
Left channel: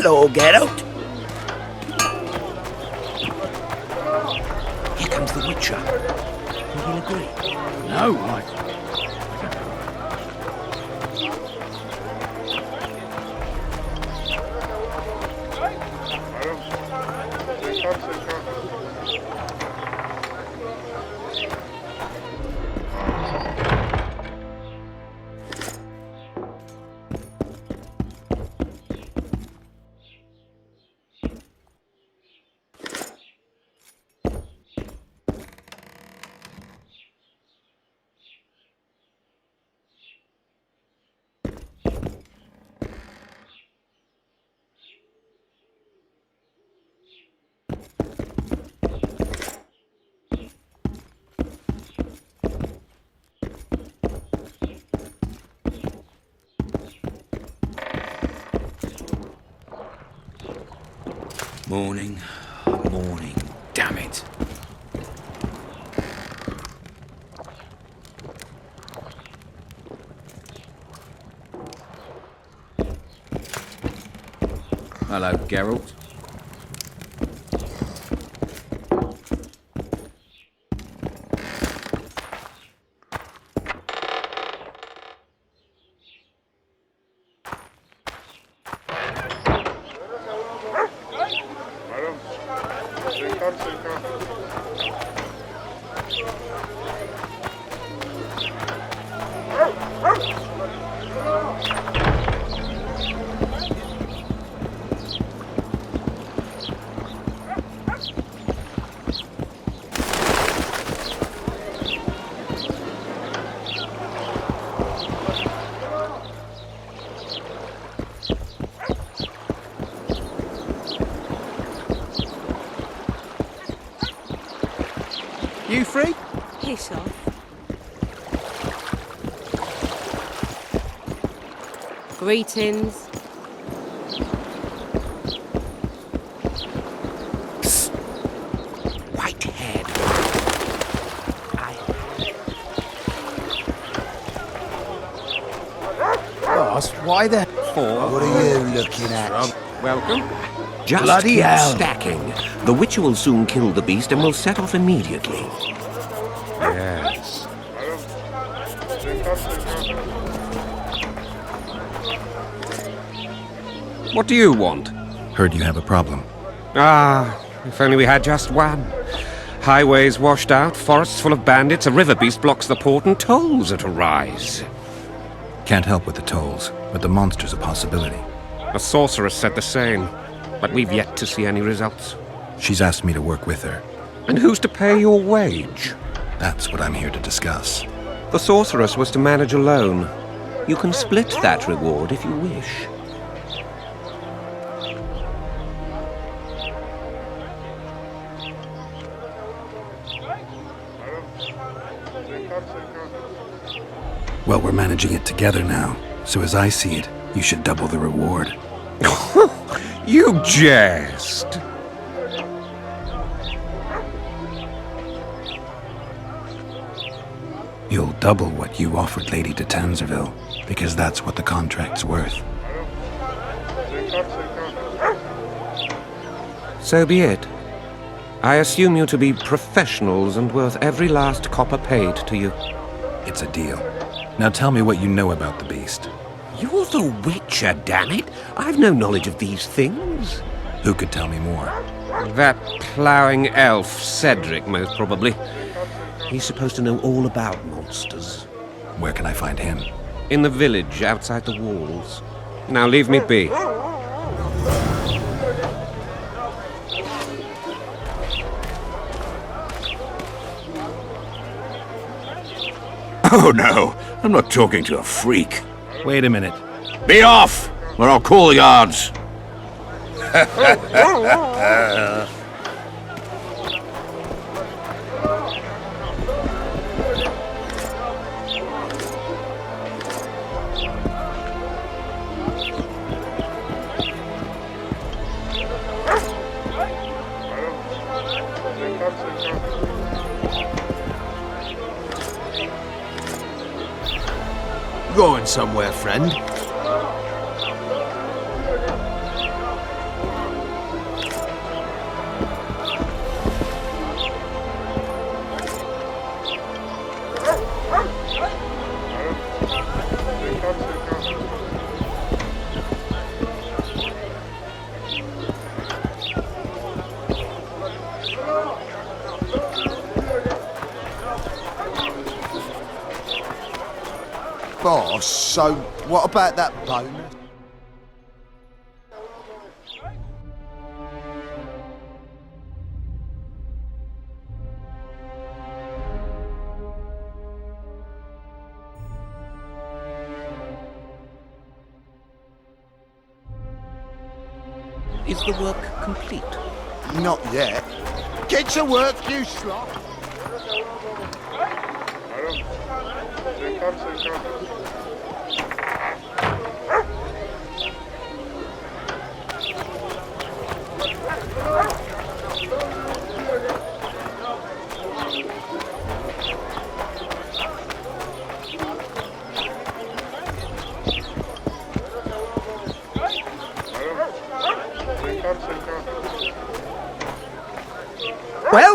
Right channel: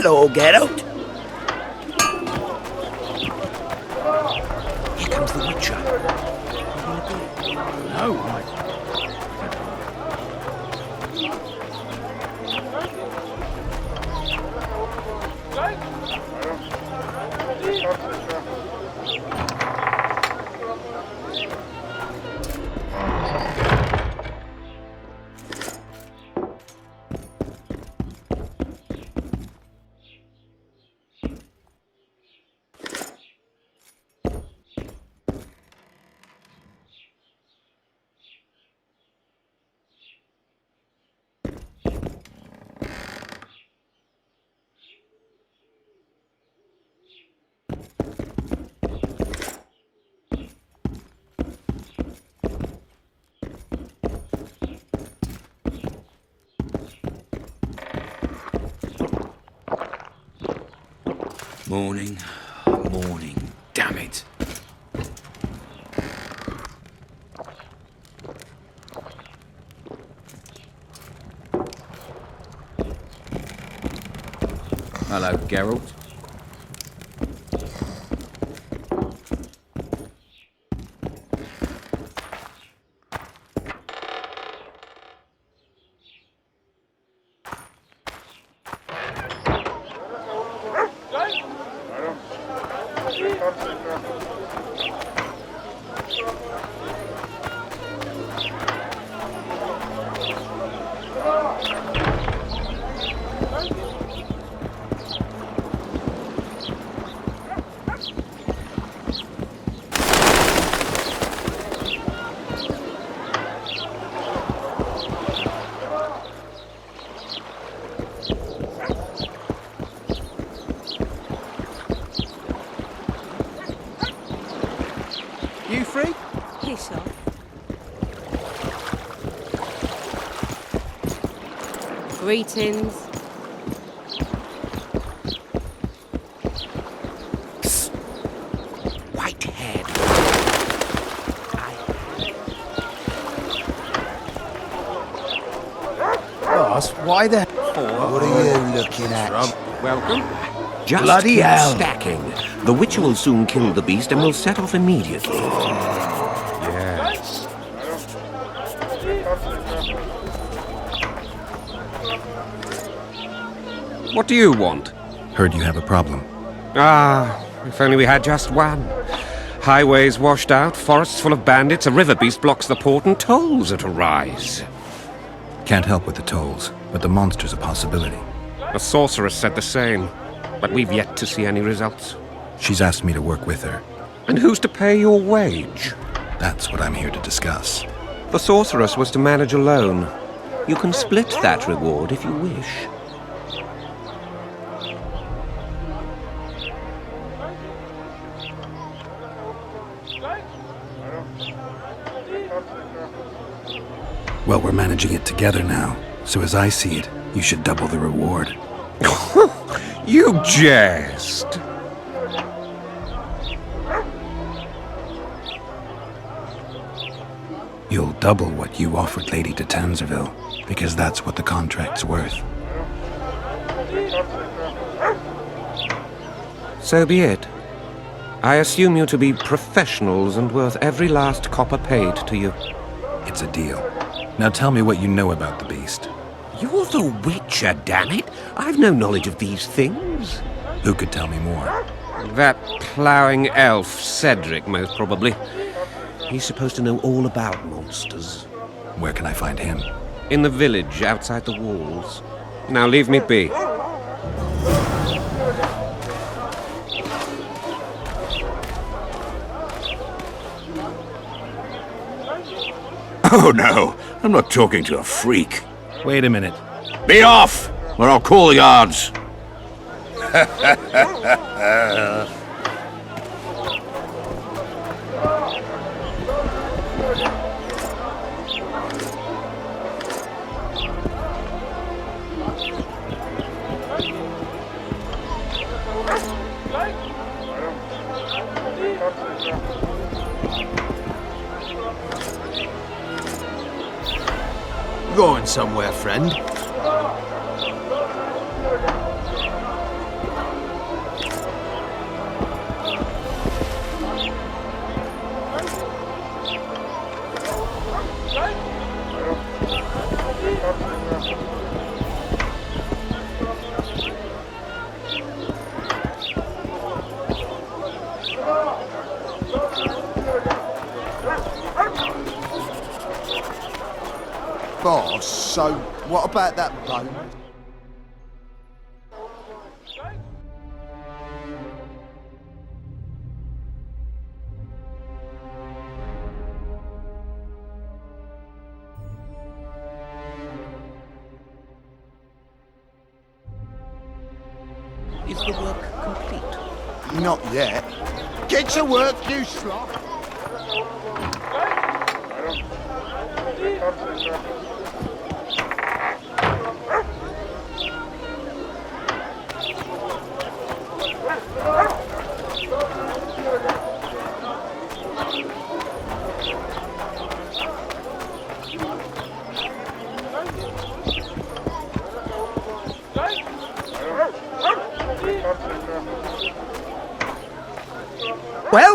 Hello, Geralt. Morning. Morning. Damn it. Hello, Geralt. You free? Greetings. Psst. Whitehead. Boss, why the... What are you looking at? Welcome. Just Bloody keep hell. stacking. The Witcher will soon kill the beast and will set off immediately. Yes. What do you want? Heard you have a problem. Ah, if only we had just one. Highways washed out, forests full of bandits, a river beast blocks the port, and tolls at a rise. Can't help with the tolls, but the monster's a possibility. A sorceress said the same, but we've yet to see any results. She's asked me to work with her. And who's to pay your wage? That's what I'm here to discuss. The sorceress was to manage alone. You can split that reward if you wish. Well, we're managing it together now, so as I see it, you should double the reward. You jest! You'll double what you offered Lady de Tanzerville, because that's what the contract's worth. So be it. I assume you to be professionals and worth every last copper paid to you. It's a deal. Now tell me what you know about the beast. You're the Witcher, damn it! I've no knowledge of these things. Who could tell me more? That ploughing elf, Cedric, most probably. He's supposed to know all about monsters. Where can I find him? In the village, outside the walls. Now leave me be. Oh no, I'm not talking to a freak. Wait a minute. Be off, or I'll call the guards. Going somewhere, friend? Boss, so what about that bone? Is the work complete? Not yet.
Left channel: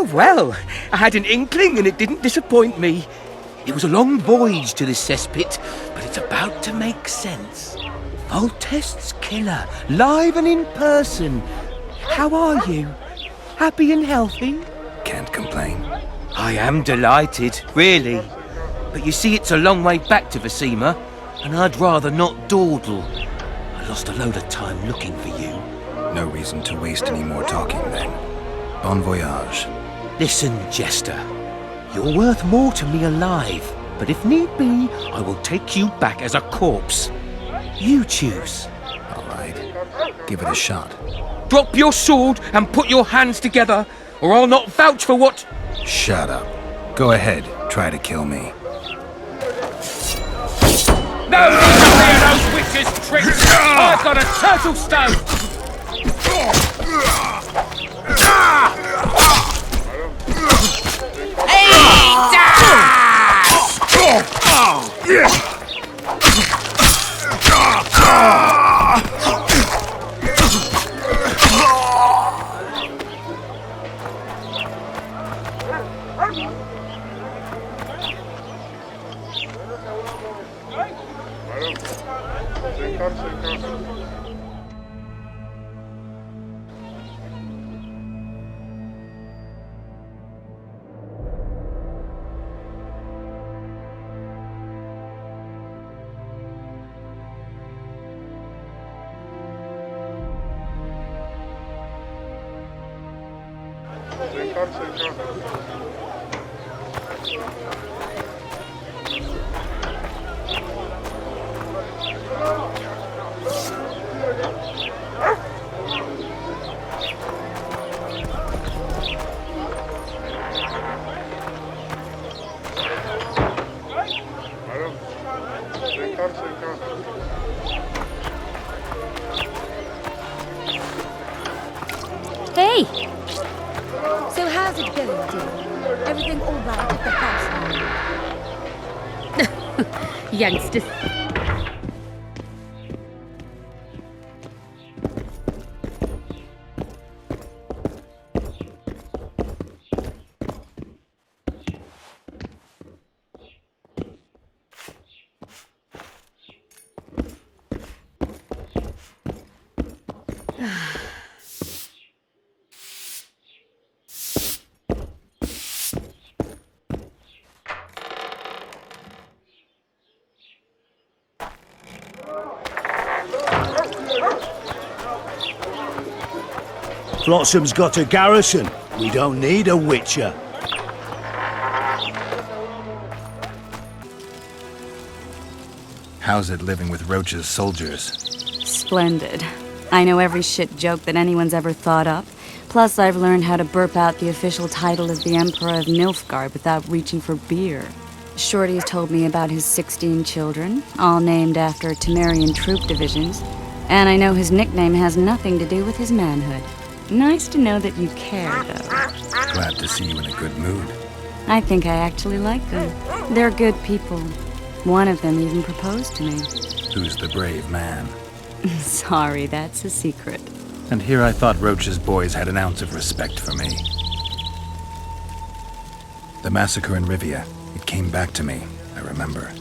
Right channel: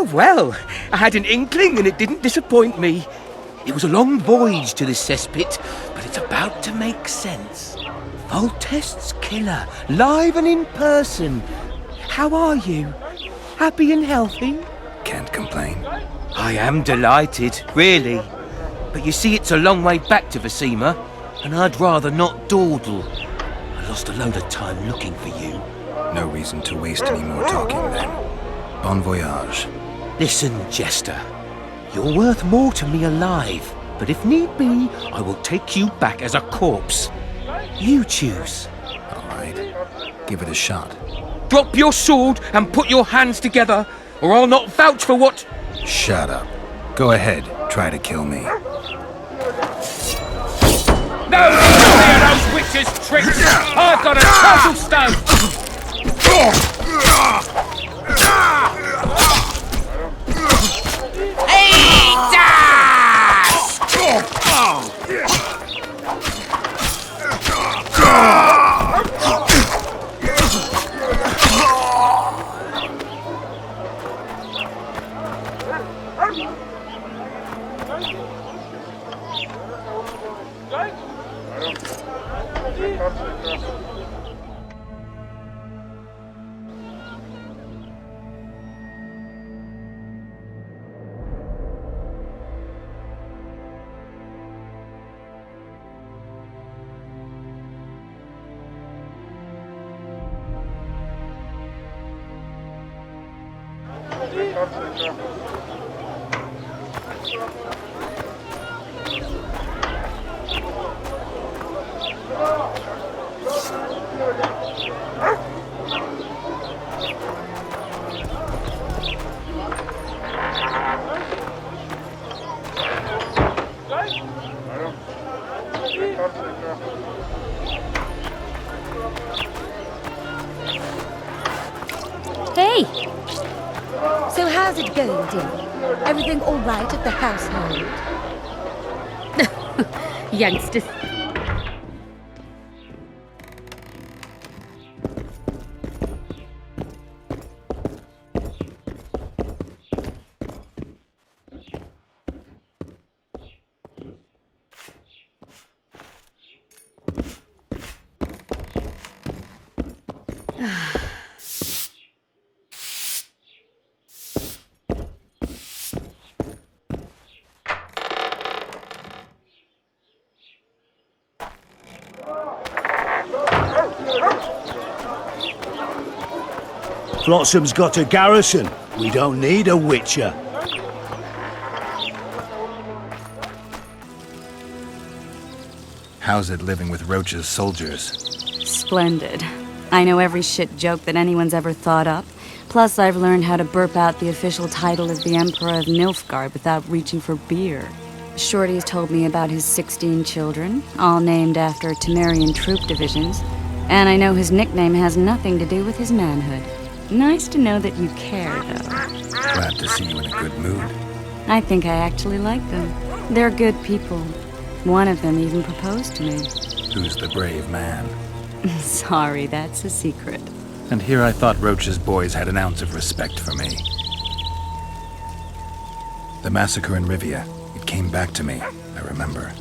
Oh, well, I had an inkling and it didn't disappoint me. It was a long voyage to this cesspit, but it's about to make sense. Voltest's killer, live and in person. How are you? Happy and healthy? Can't complain. I am delighted, really. But you see, it's a long way back to Vasima, and I'd rather not dawdle. I lost a load of time looking for you. No reason to waste any more talking, then. Bon voyage. Listen, Jester. You're worth more to me alive, but if need be, I will take you back as a corpse. You choose. All right. Give it a shot. Drop your sword and put your hands together, or I'll not vouch for what... Shut up. Go ahead. Try to kill me. No need to hear those witches' tricks! I've got a turtle stone! Hey! So how's it going, dear? Everything all right at the household? Youngsters. Flotsam's got a garrison. We don't need a witcher. How's it living with Roach's soldiers? Splendid. I know every shit joke that anyone's ever thought up. Plus, I've learned how to burp out the official title of the Emperor of Nilfgaard without reaching for beer. Shorty's told me about his 16 children, all named after Temerian troop divisions, and I know his nickname has nothing to do with his manhood. Nice to know that you care, though. Glad to see you in a good mood. I think I actually like them. They're good people. One of them even proposed to me. Who's the brave man? Sorry, that's a secret. And here I thought Roach's boys had an ounce of respect for me. The massacre in Rivia, it came back to me, I remember.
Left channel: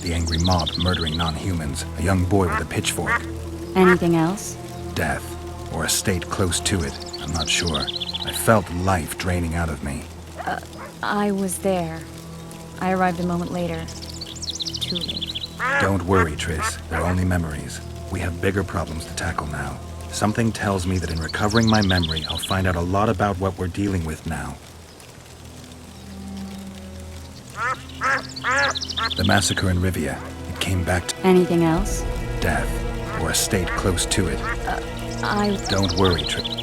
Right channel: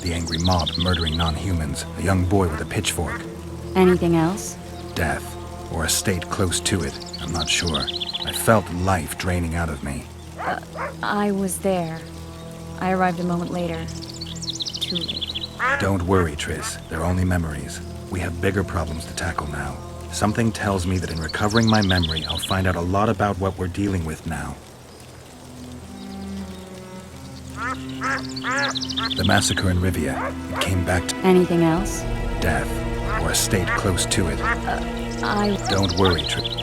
The angry mob murdering non-humans, a young boy with a pitchfork. Anything else? Death, or a state close to it, I'm not sure. I felt life draining out of me. I was there. I arrived a moment later. Too late. Don't worry, Triss. They're only memories. We have bigger problems to tackle now. Something tells me that in recovering my memory, I'll find out a lot about what we're dealing with now. The massacre in Rivia, it came back to... Anything else? Death, or a state close to it. I... Don't worry, Triss.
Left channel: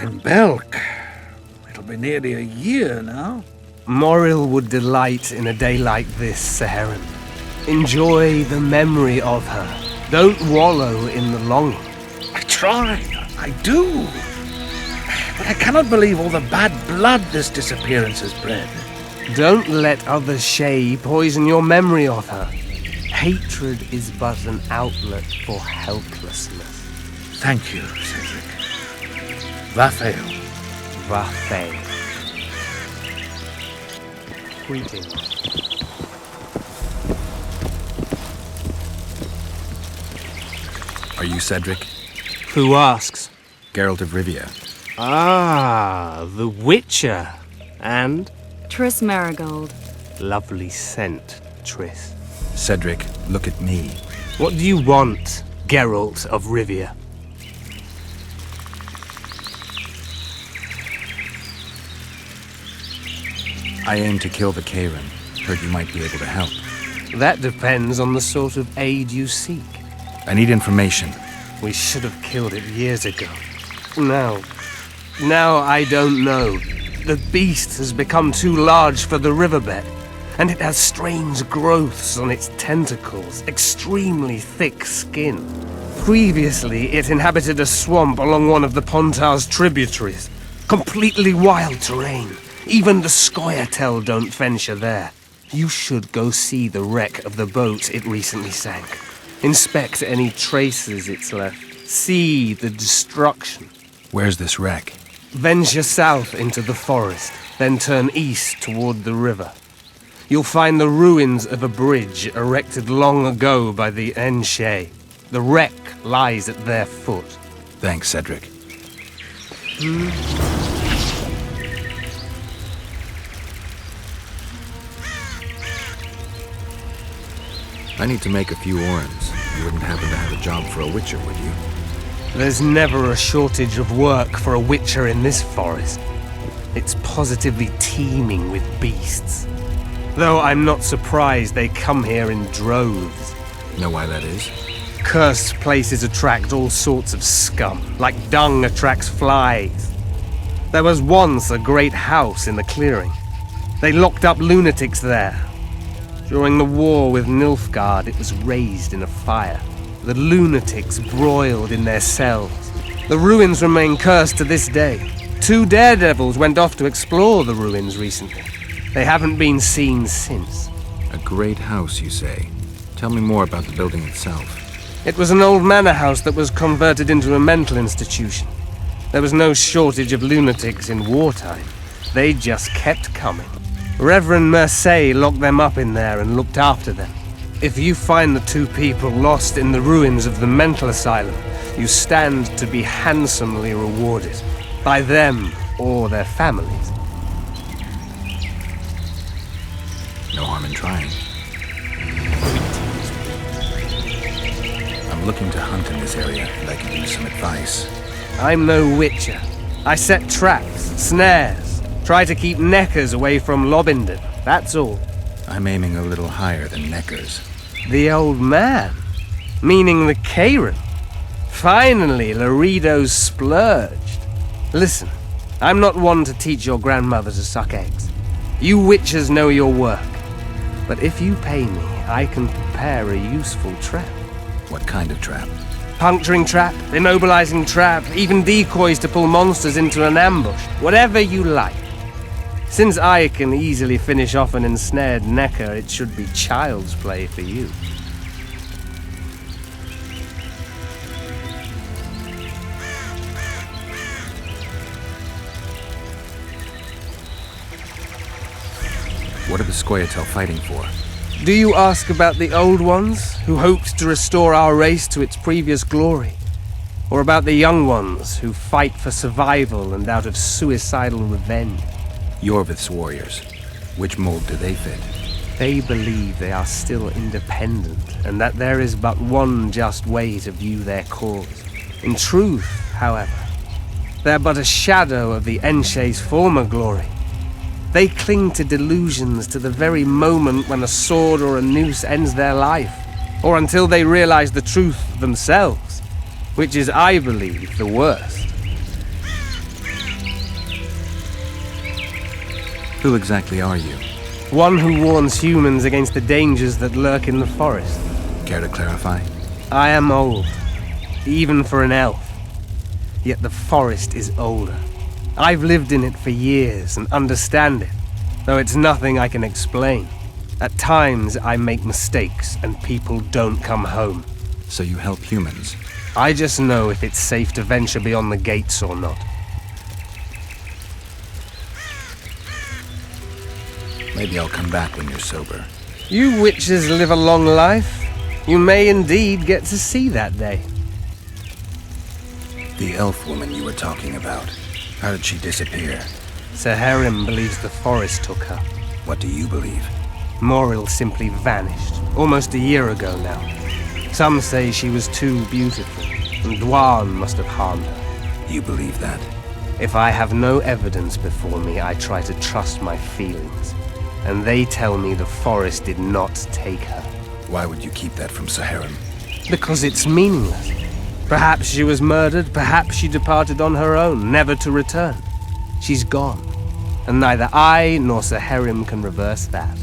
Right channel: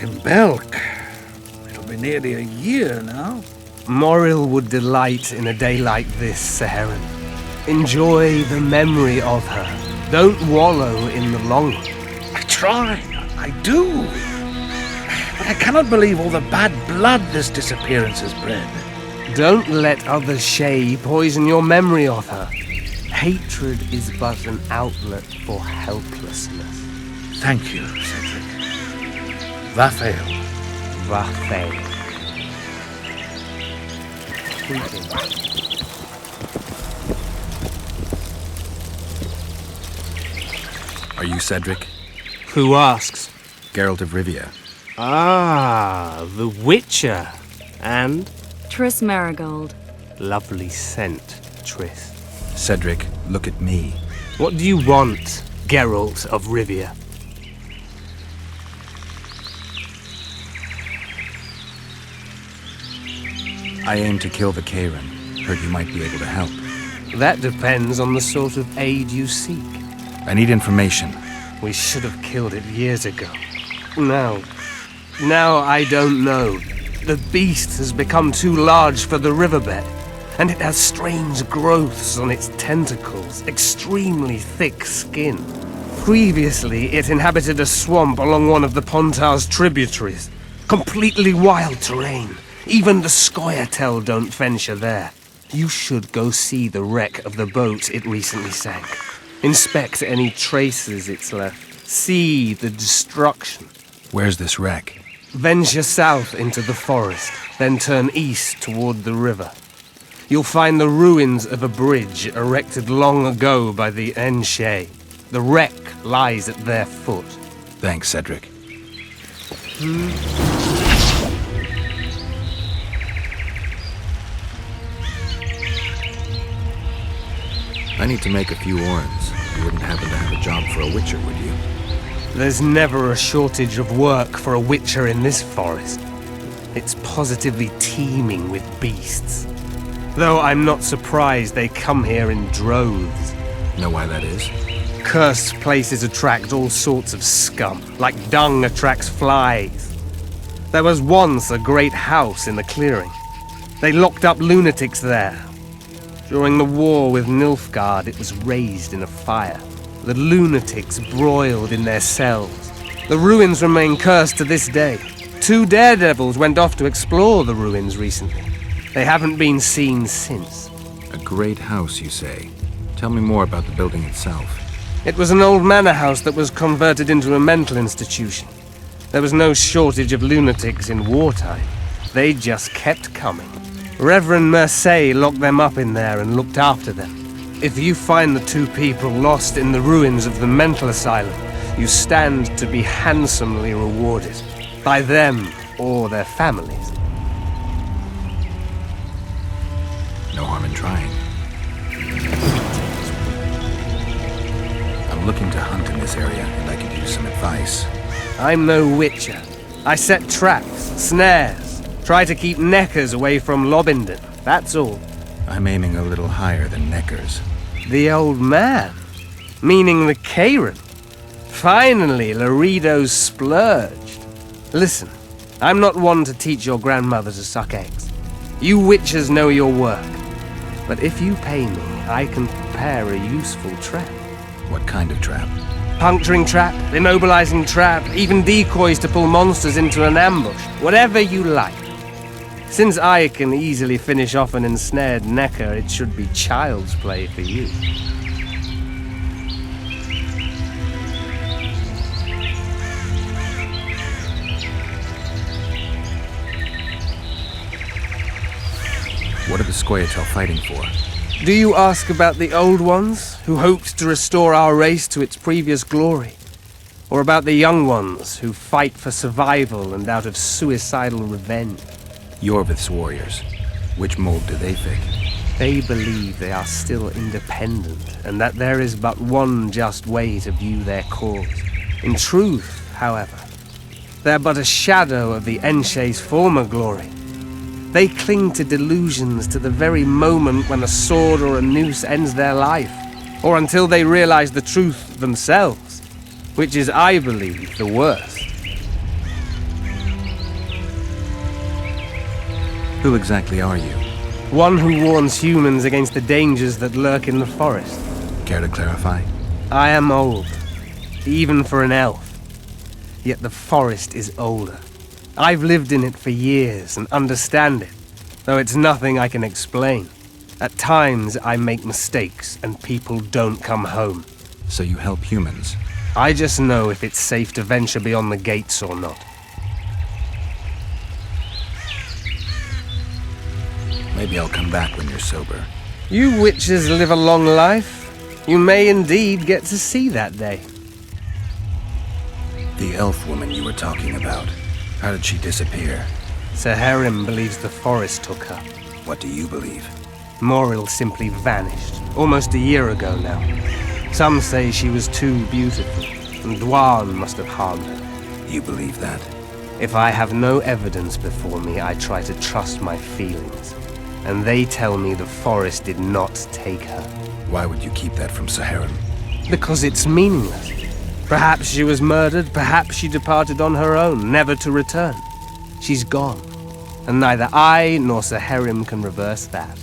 In Belk. It'll be nearly a year now. Moril would delight in a day like this, Saharan. Enjoy the memory of her. Don't wallow in the longing. I try, I do. But I cannot believe all the bad blood this disappearance has bred. Don't let other Shay poison your memory of her. Hatred is but an outlet for helplessness. Thank you, Cedric. Vafael. Vafael. Greetings. Are you Cedric? Who asks? Geralt of Rivia. Ah, the Witcher. And? Triss Marigold. Lovely scent, Triss. Cedric, look at me. What do you want, Geralt of Rivia? I aim to kill the Karen. Heard you might be able to help. That depends on the sort of aid you seek. I need information. We should have killed it years ago. Now I don't know. The beast has become too large for the riverbed, and it has strange growths on its tentacles, extremely thick skin. Previously, it inhabited a swamp along one of the Pontar's tributaries. Completely wild terrain. Even the Scoia'tael don't venture there. You should go see the wreck of the boat it recently sank. Inspect any traces it's left. See the destruction. Where's this wreck? Venture south into the forest, then turn east toward the river. You'll find the ruins of a bridge erected long ago by the Enshay. The wreck lies at their foot. Thanks, Cedric. I need to make a few orens. You wouldn't happen to have a job for a witcher, would you? There's never a shortage of work for a witcher in this forest. It's positively teeming with beasts. Though I'm not surprised they come here in droves. Know why that is? Cursed places attract all sorts of scum, like dung attracts flies. There was once a great house in the clearing. They locked up lunatics there. During the war with Nilfgaard, it was raised in a fire. The lunatics broiled in their cells. The ruins remain cursed to this day. 2 daredevils went off to explore the ruins recently. They haven't been seen since. A great house, you say? Tell me more about the building itself. It was an old manor house that was converted into a mental institution. There was no shortage of lunatics in wartime. They just kept coming. Reverend Mercey locked them up in there and looked after them. If you find the 2 people lost in the ruins of the mental asylum, you stand to be handsomely rewarded. By them or their families. No harm in trying. I'm looking to hunt in this area, and I could use some advice. I'm no witcher. I set traps, snares, try to keep neckers away from Lobindon, that's all. I'm aiming a little higher than Neckers. The old man? Meaning the Karen? Finally, Laredo's splurged. Listen, I'm not one to teach your grandmother to suck eggs. You witchers know your work. But if you pay me, I can prepare a useful trap. What kind of trap? Puncturing trap, immobilizing trap, even decoys to pull monsters into an ambush. Whatever you like. Since I can easily finish off an ensnared Necker, it should be child's play for you. What are the Scoia'tael fighting for? Do you ask about the old ones, who hoped to restore our race to its previous glory? Or about the young ones, who fight for survival and out of suicidal revenge? Yorvith's warriors. Which mold do they fit? They believe they are still independent, and that there is but one just way to view their cause. In truth, however, they're but a shadow of the Enshay's former glory. They cling to delusions to the very moment when a sword or a noose ends their life, or until they realize the truth themselves, which is, I believe, the worst. Who exactly are you? One who warns humans against the dangers that lurk in the forest. Care to clarify? I am old, even for an elf. Yet the forest is older. I've lived in it for years and understand it, though it's nothing I can explain. At times, I make mistakes and people don't come home. So you help humans? I just know if it's safe to venture beyond the gates or not. Maybe I'll come back when you're sober. You witches live a long life. You may indeed get to see that day. The elf woman you were talking about. How did she disappear? Saharim believes the forest took her. What do you believe? Moril simply vanished, almost a year ago now. Some say she was too beautiful, and Dwan must have harmed her. You believe that? If I have no evidence before me, I try to trust my feelings. And they tell me the forest did not take her. Why would you keep that from Saharim? Because it's meaningless. Perhaps she was murdered, perhaps she departed on her own, never to return. She's gone, and neither I nor Saharim can reverse that.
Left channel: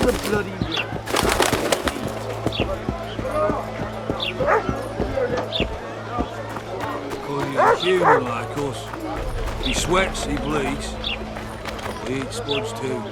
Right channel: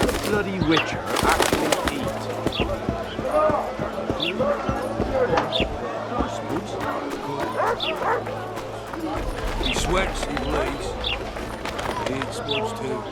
The bloody witcher. Because he's human like us. He sweats, he bleeds. He eats spuds too.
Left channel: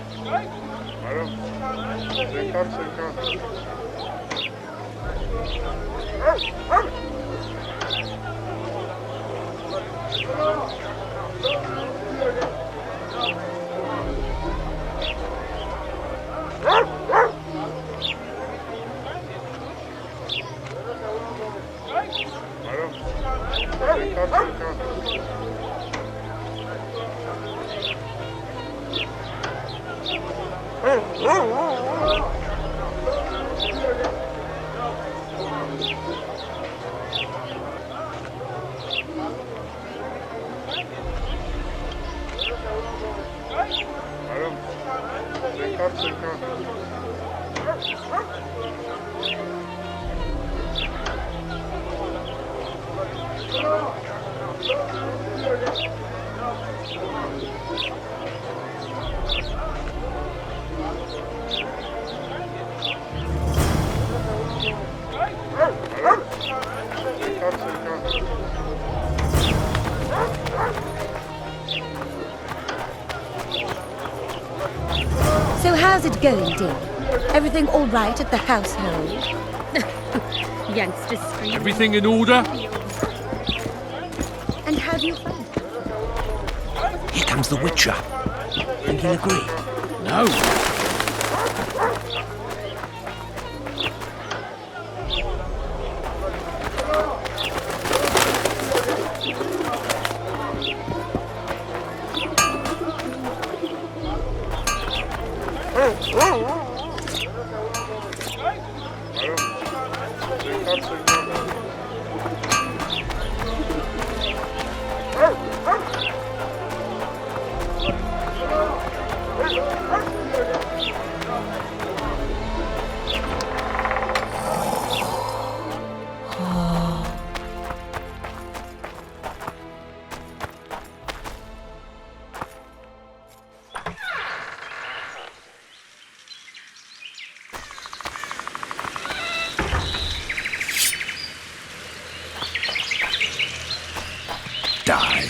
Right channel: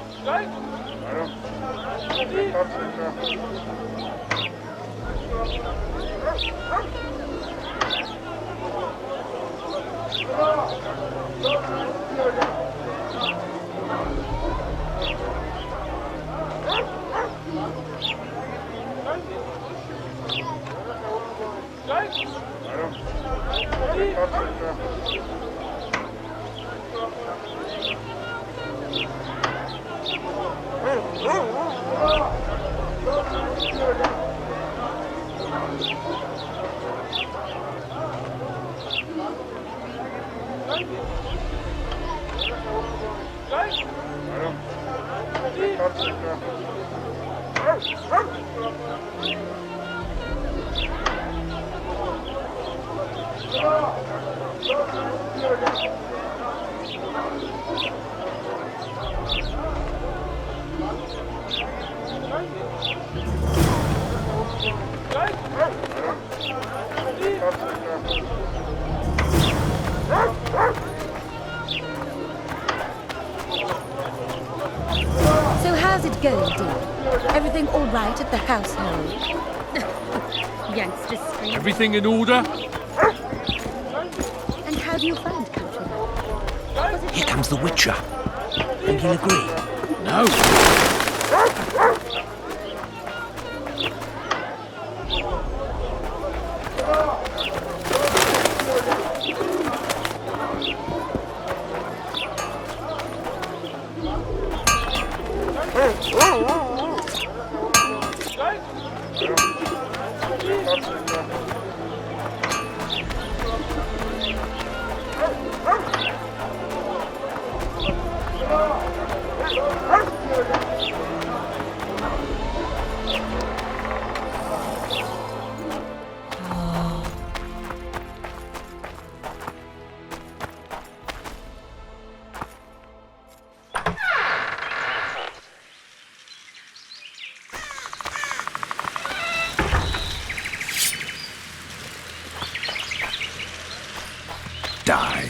So how's it going, dear? Everything all right at the household? Everything in order? Here comes the Witcher. Think he'll agree? die.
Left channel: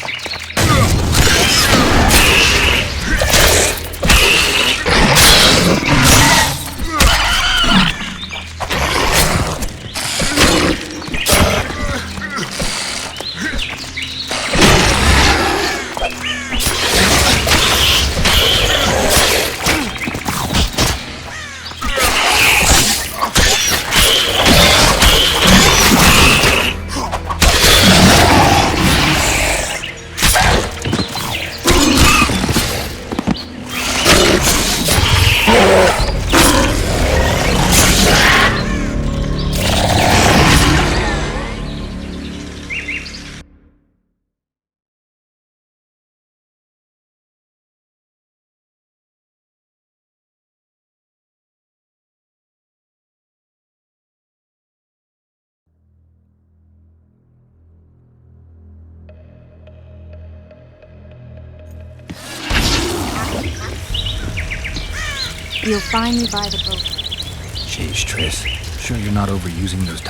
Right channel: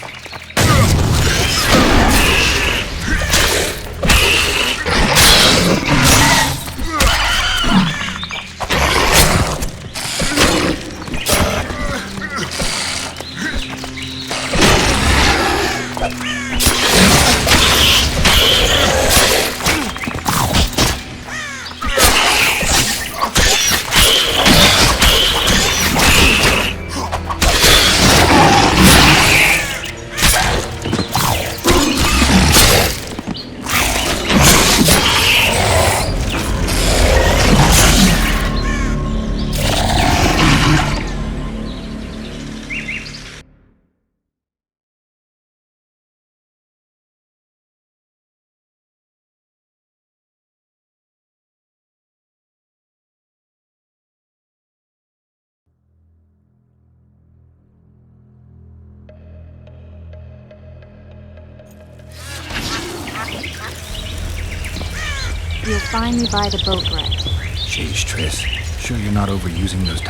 You'll find me by the boat wreck. Jeez, Triss. Sure you're not overusing those...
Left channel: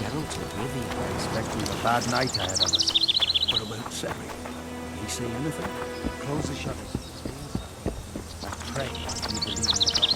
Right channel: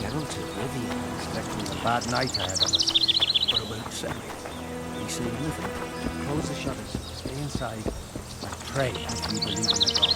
Geralt and Livy, I expect we've a bad night ahead of us. What about Sam? Inside, I pray that we believe in the gods.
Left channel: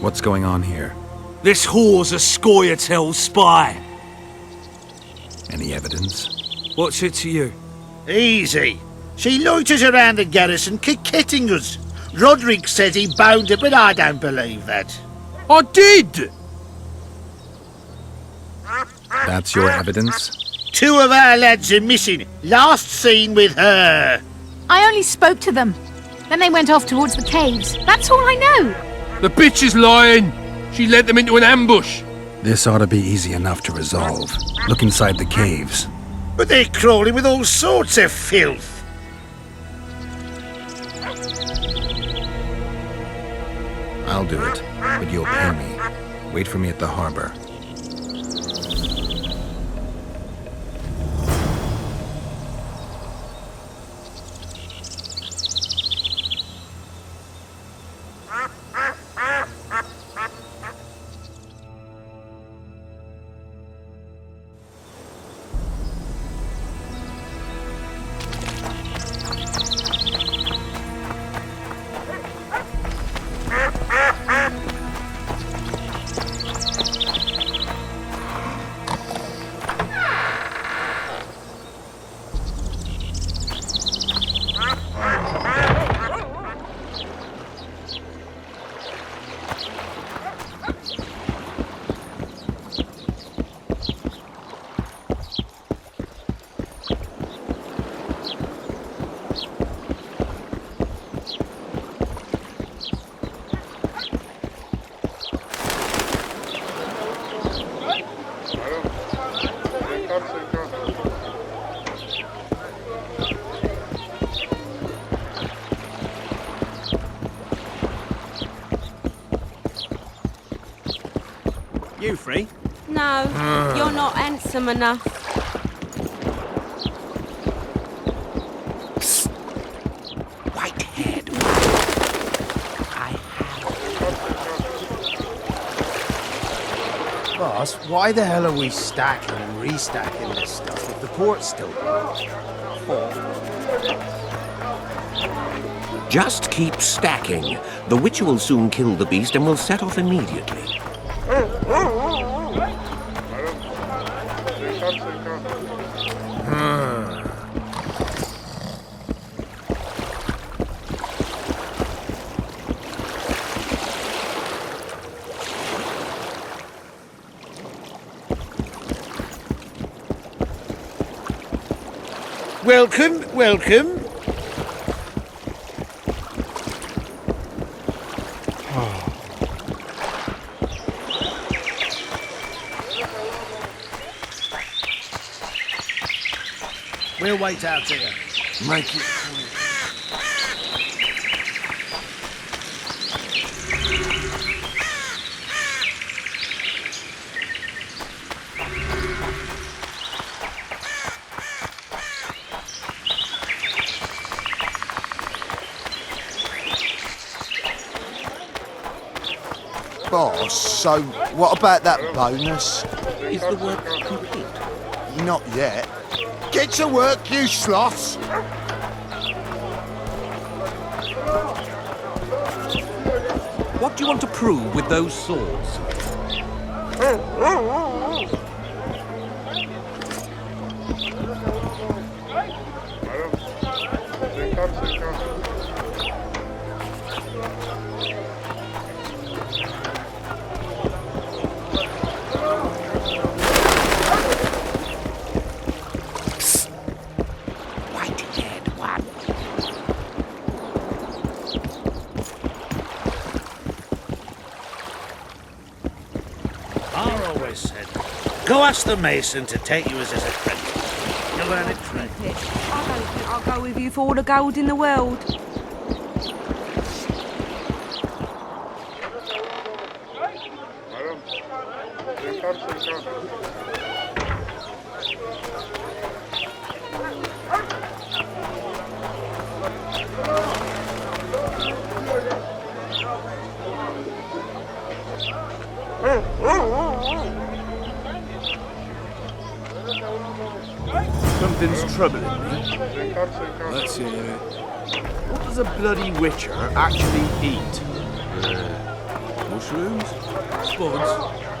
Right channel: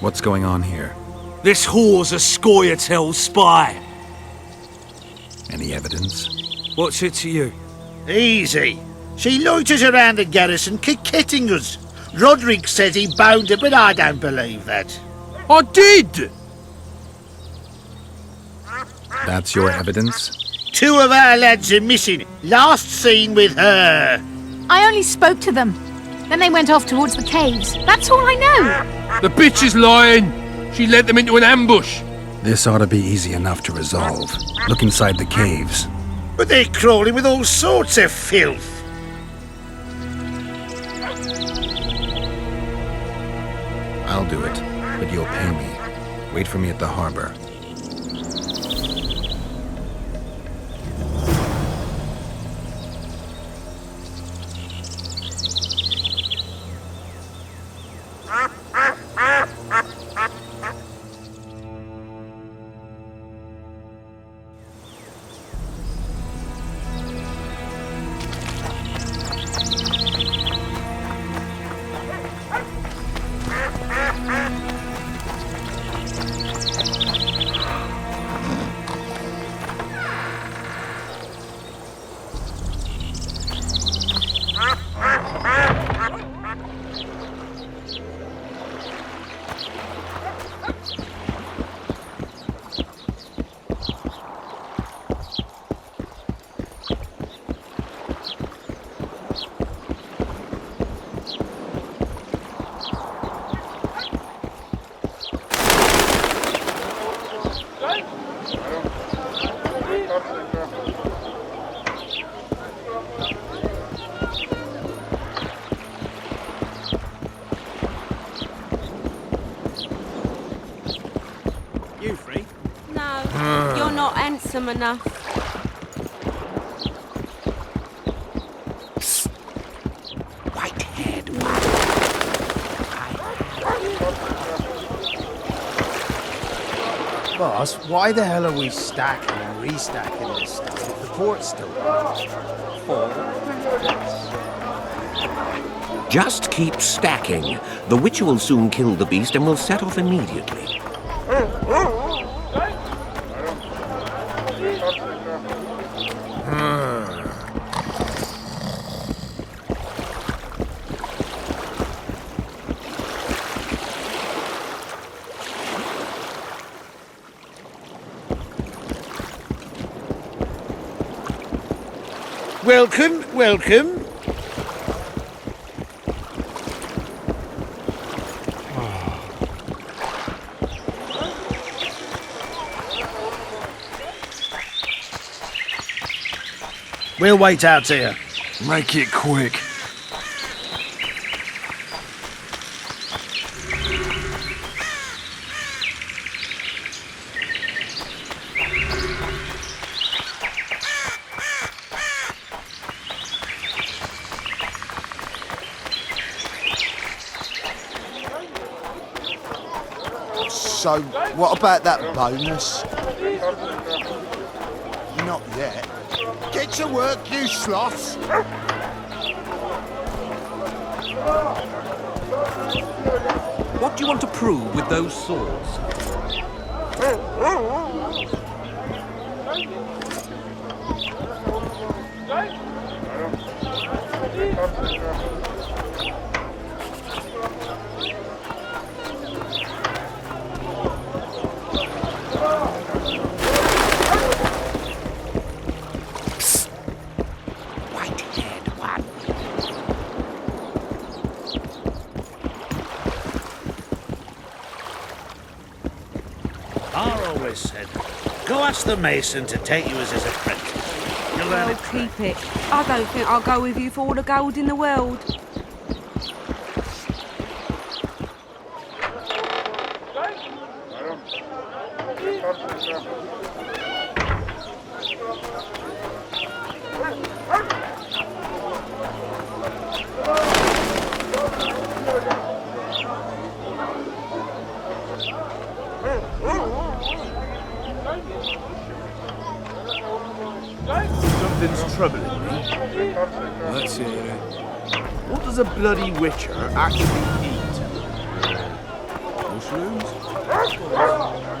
What's going on here? This whore's a Scoia'tael spy. Any evidence? What's it to you? Easy. She loiters around the garrison kick-kitting us. Roderick says he bound her, but I don't believe that. I did! That's your evidence? 2 of our lads are missing. Last seen with her. I only spoke to them. Then they went off towards the caves. That's all I know. The bitch is lying! She led them into an ambush! This ought to be easy enough to resolve. Look inside the caves. But they're crawling with all sorts of filth. I'll do it, but you'll pay me. Wait for me at the harbor. No, you're not handsome enough. Boss, why the hell are we stacking? Just keep stacking. The Witcher will soon kill the beast and will set off immediately. Welcome, welcome. We'll wait out here. Make it quick. Boss, so what about that bonus? Is the work complete? Not yet. Get to work, you sloths! What do you want to prove with those swords? Mar always said, go ask the mason to take you as a... Well, keep it. I don't think I'll go with you for all the gold in the world. Something's troubling me. Let's hear it. What does a bloody witcher actually eat? Mushrooms? Spuds?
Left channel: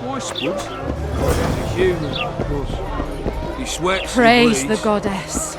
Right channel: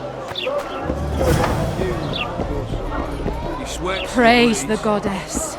Why spuds? Human, of course. He sweats. Praise he the bleeds. goddess.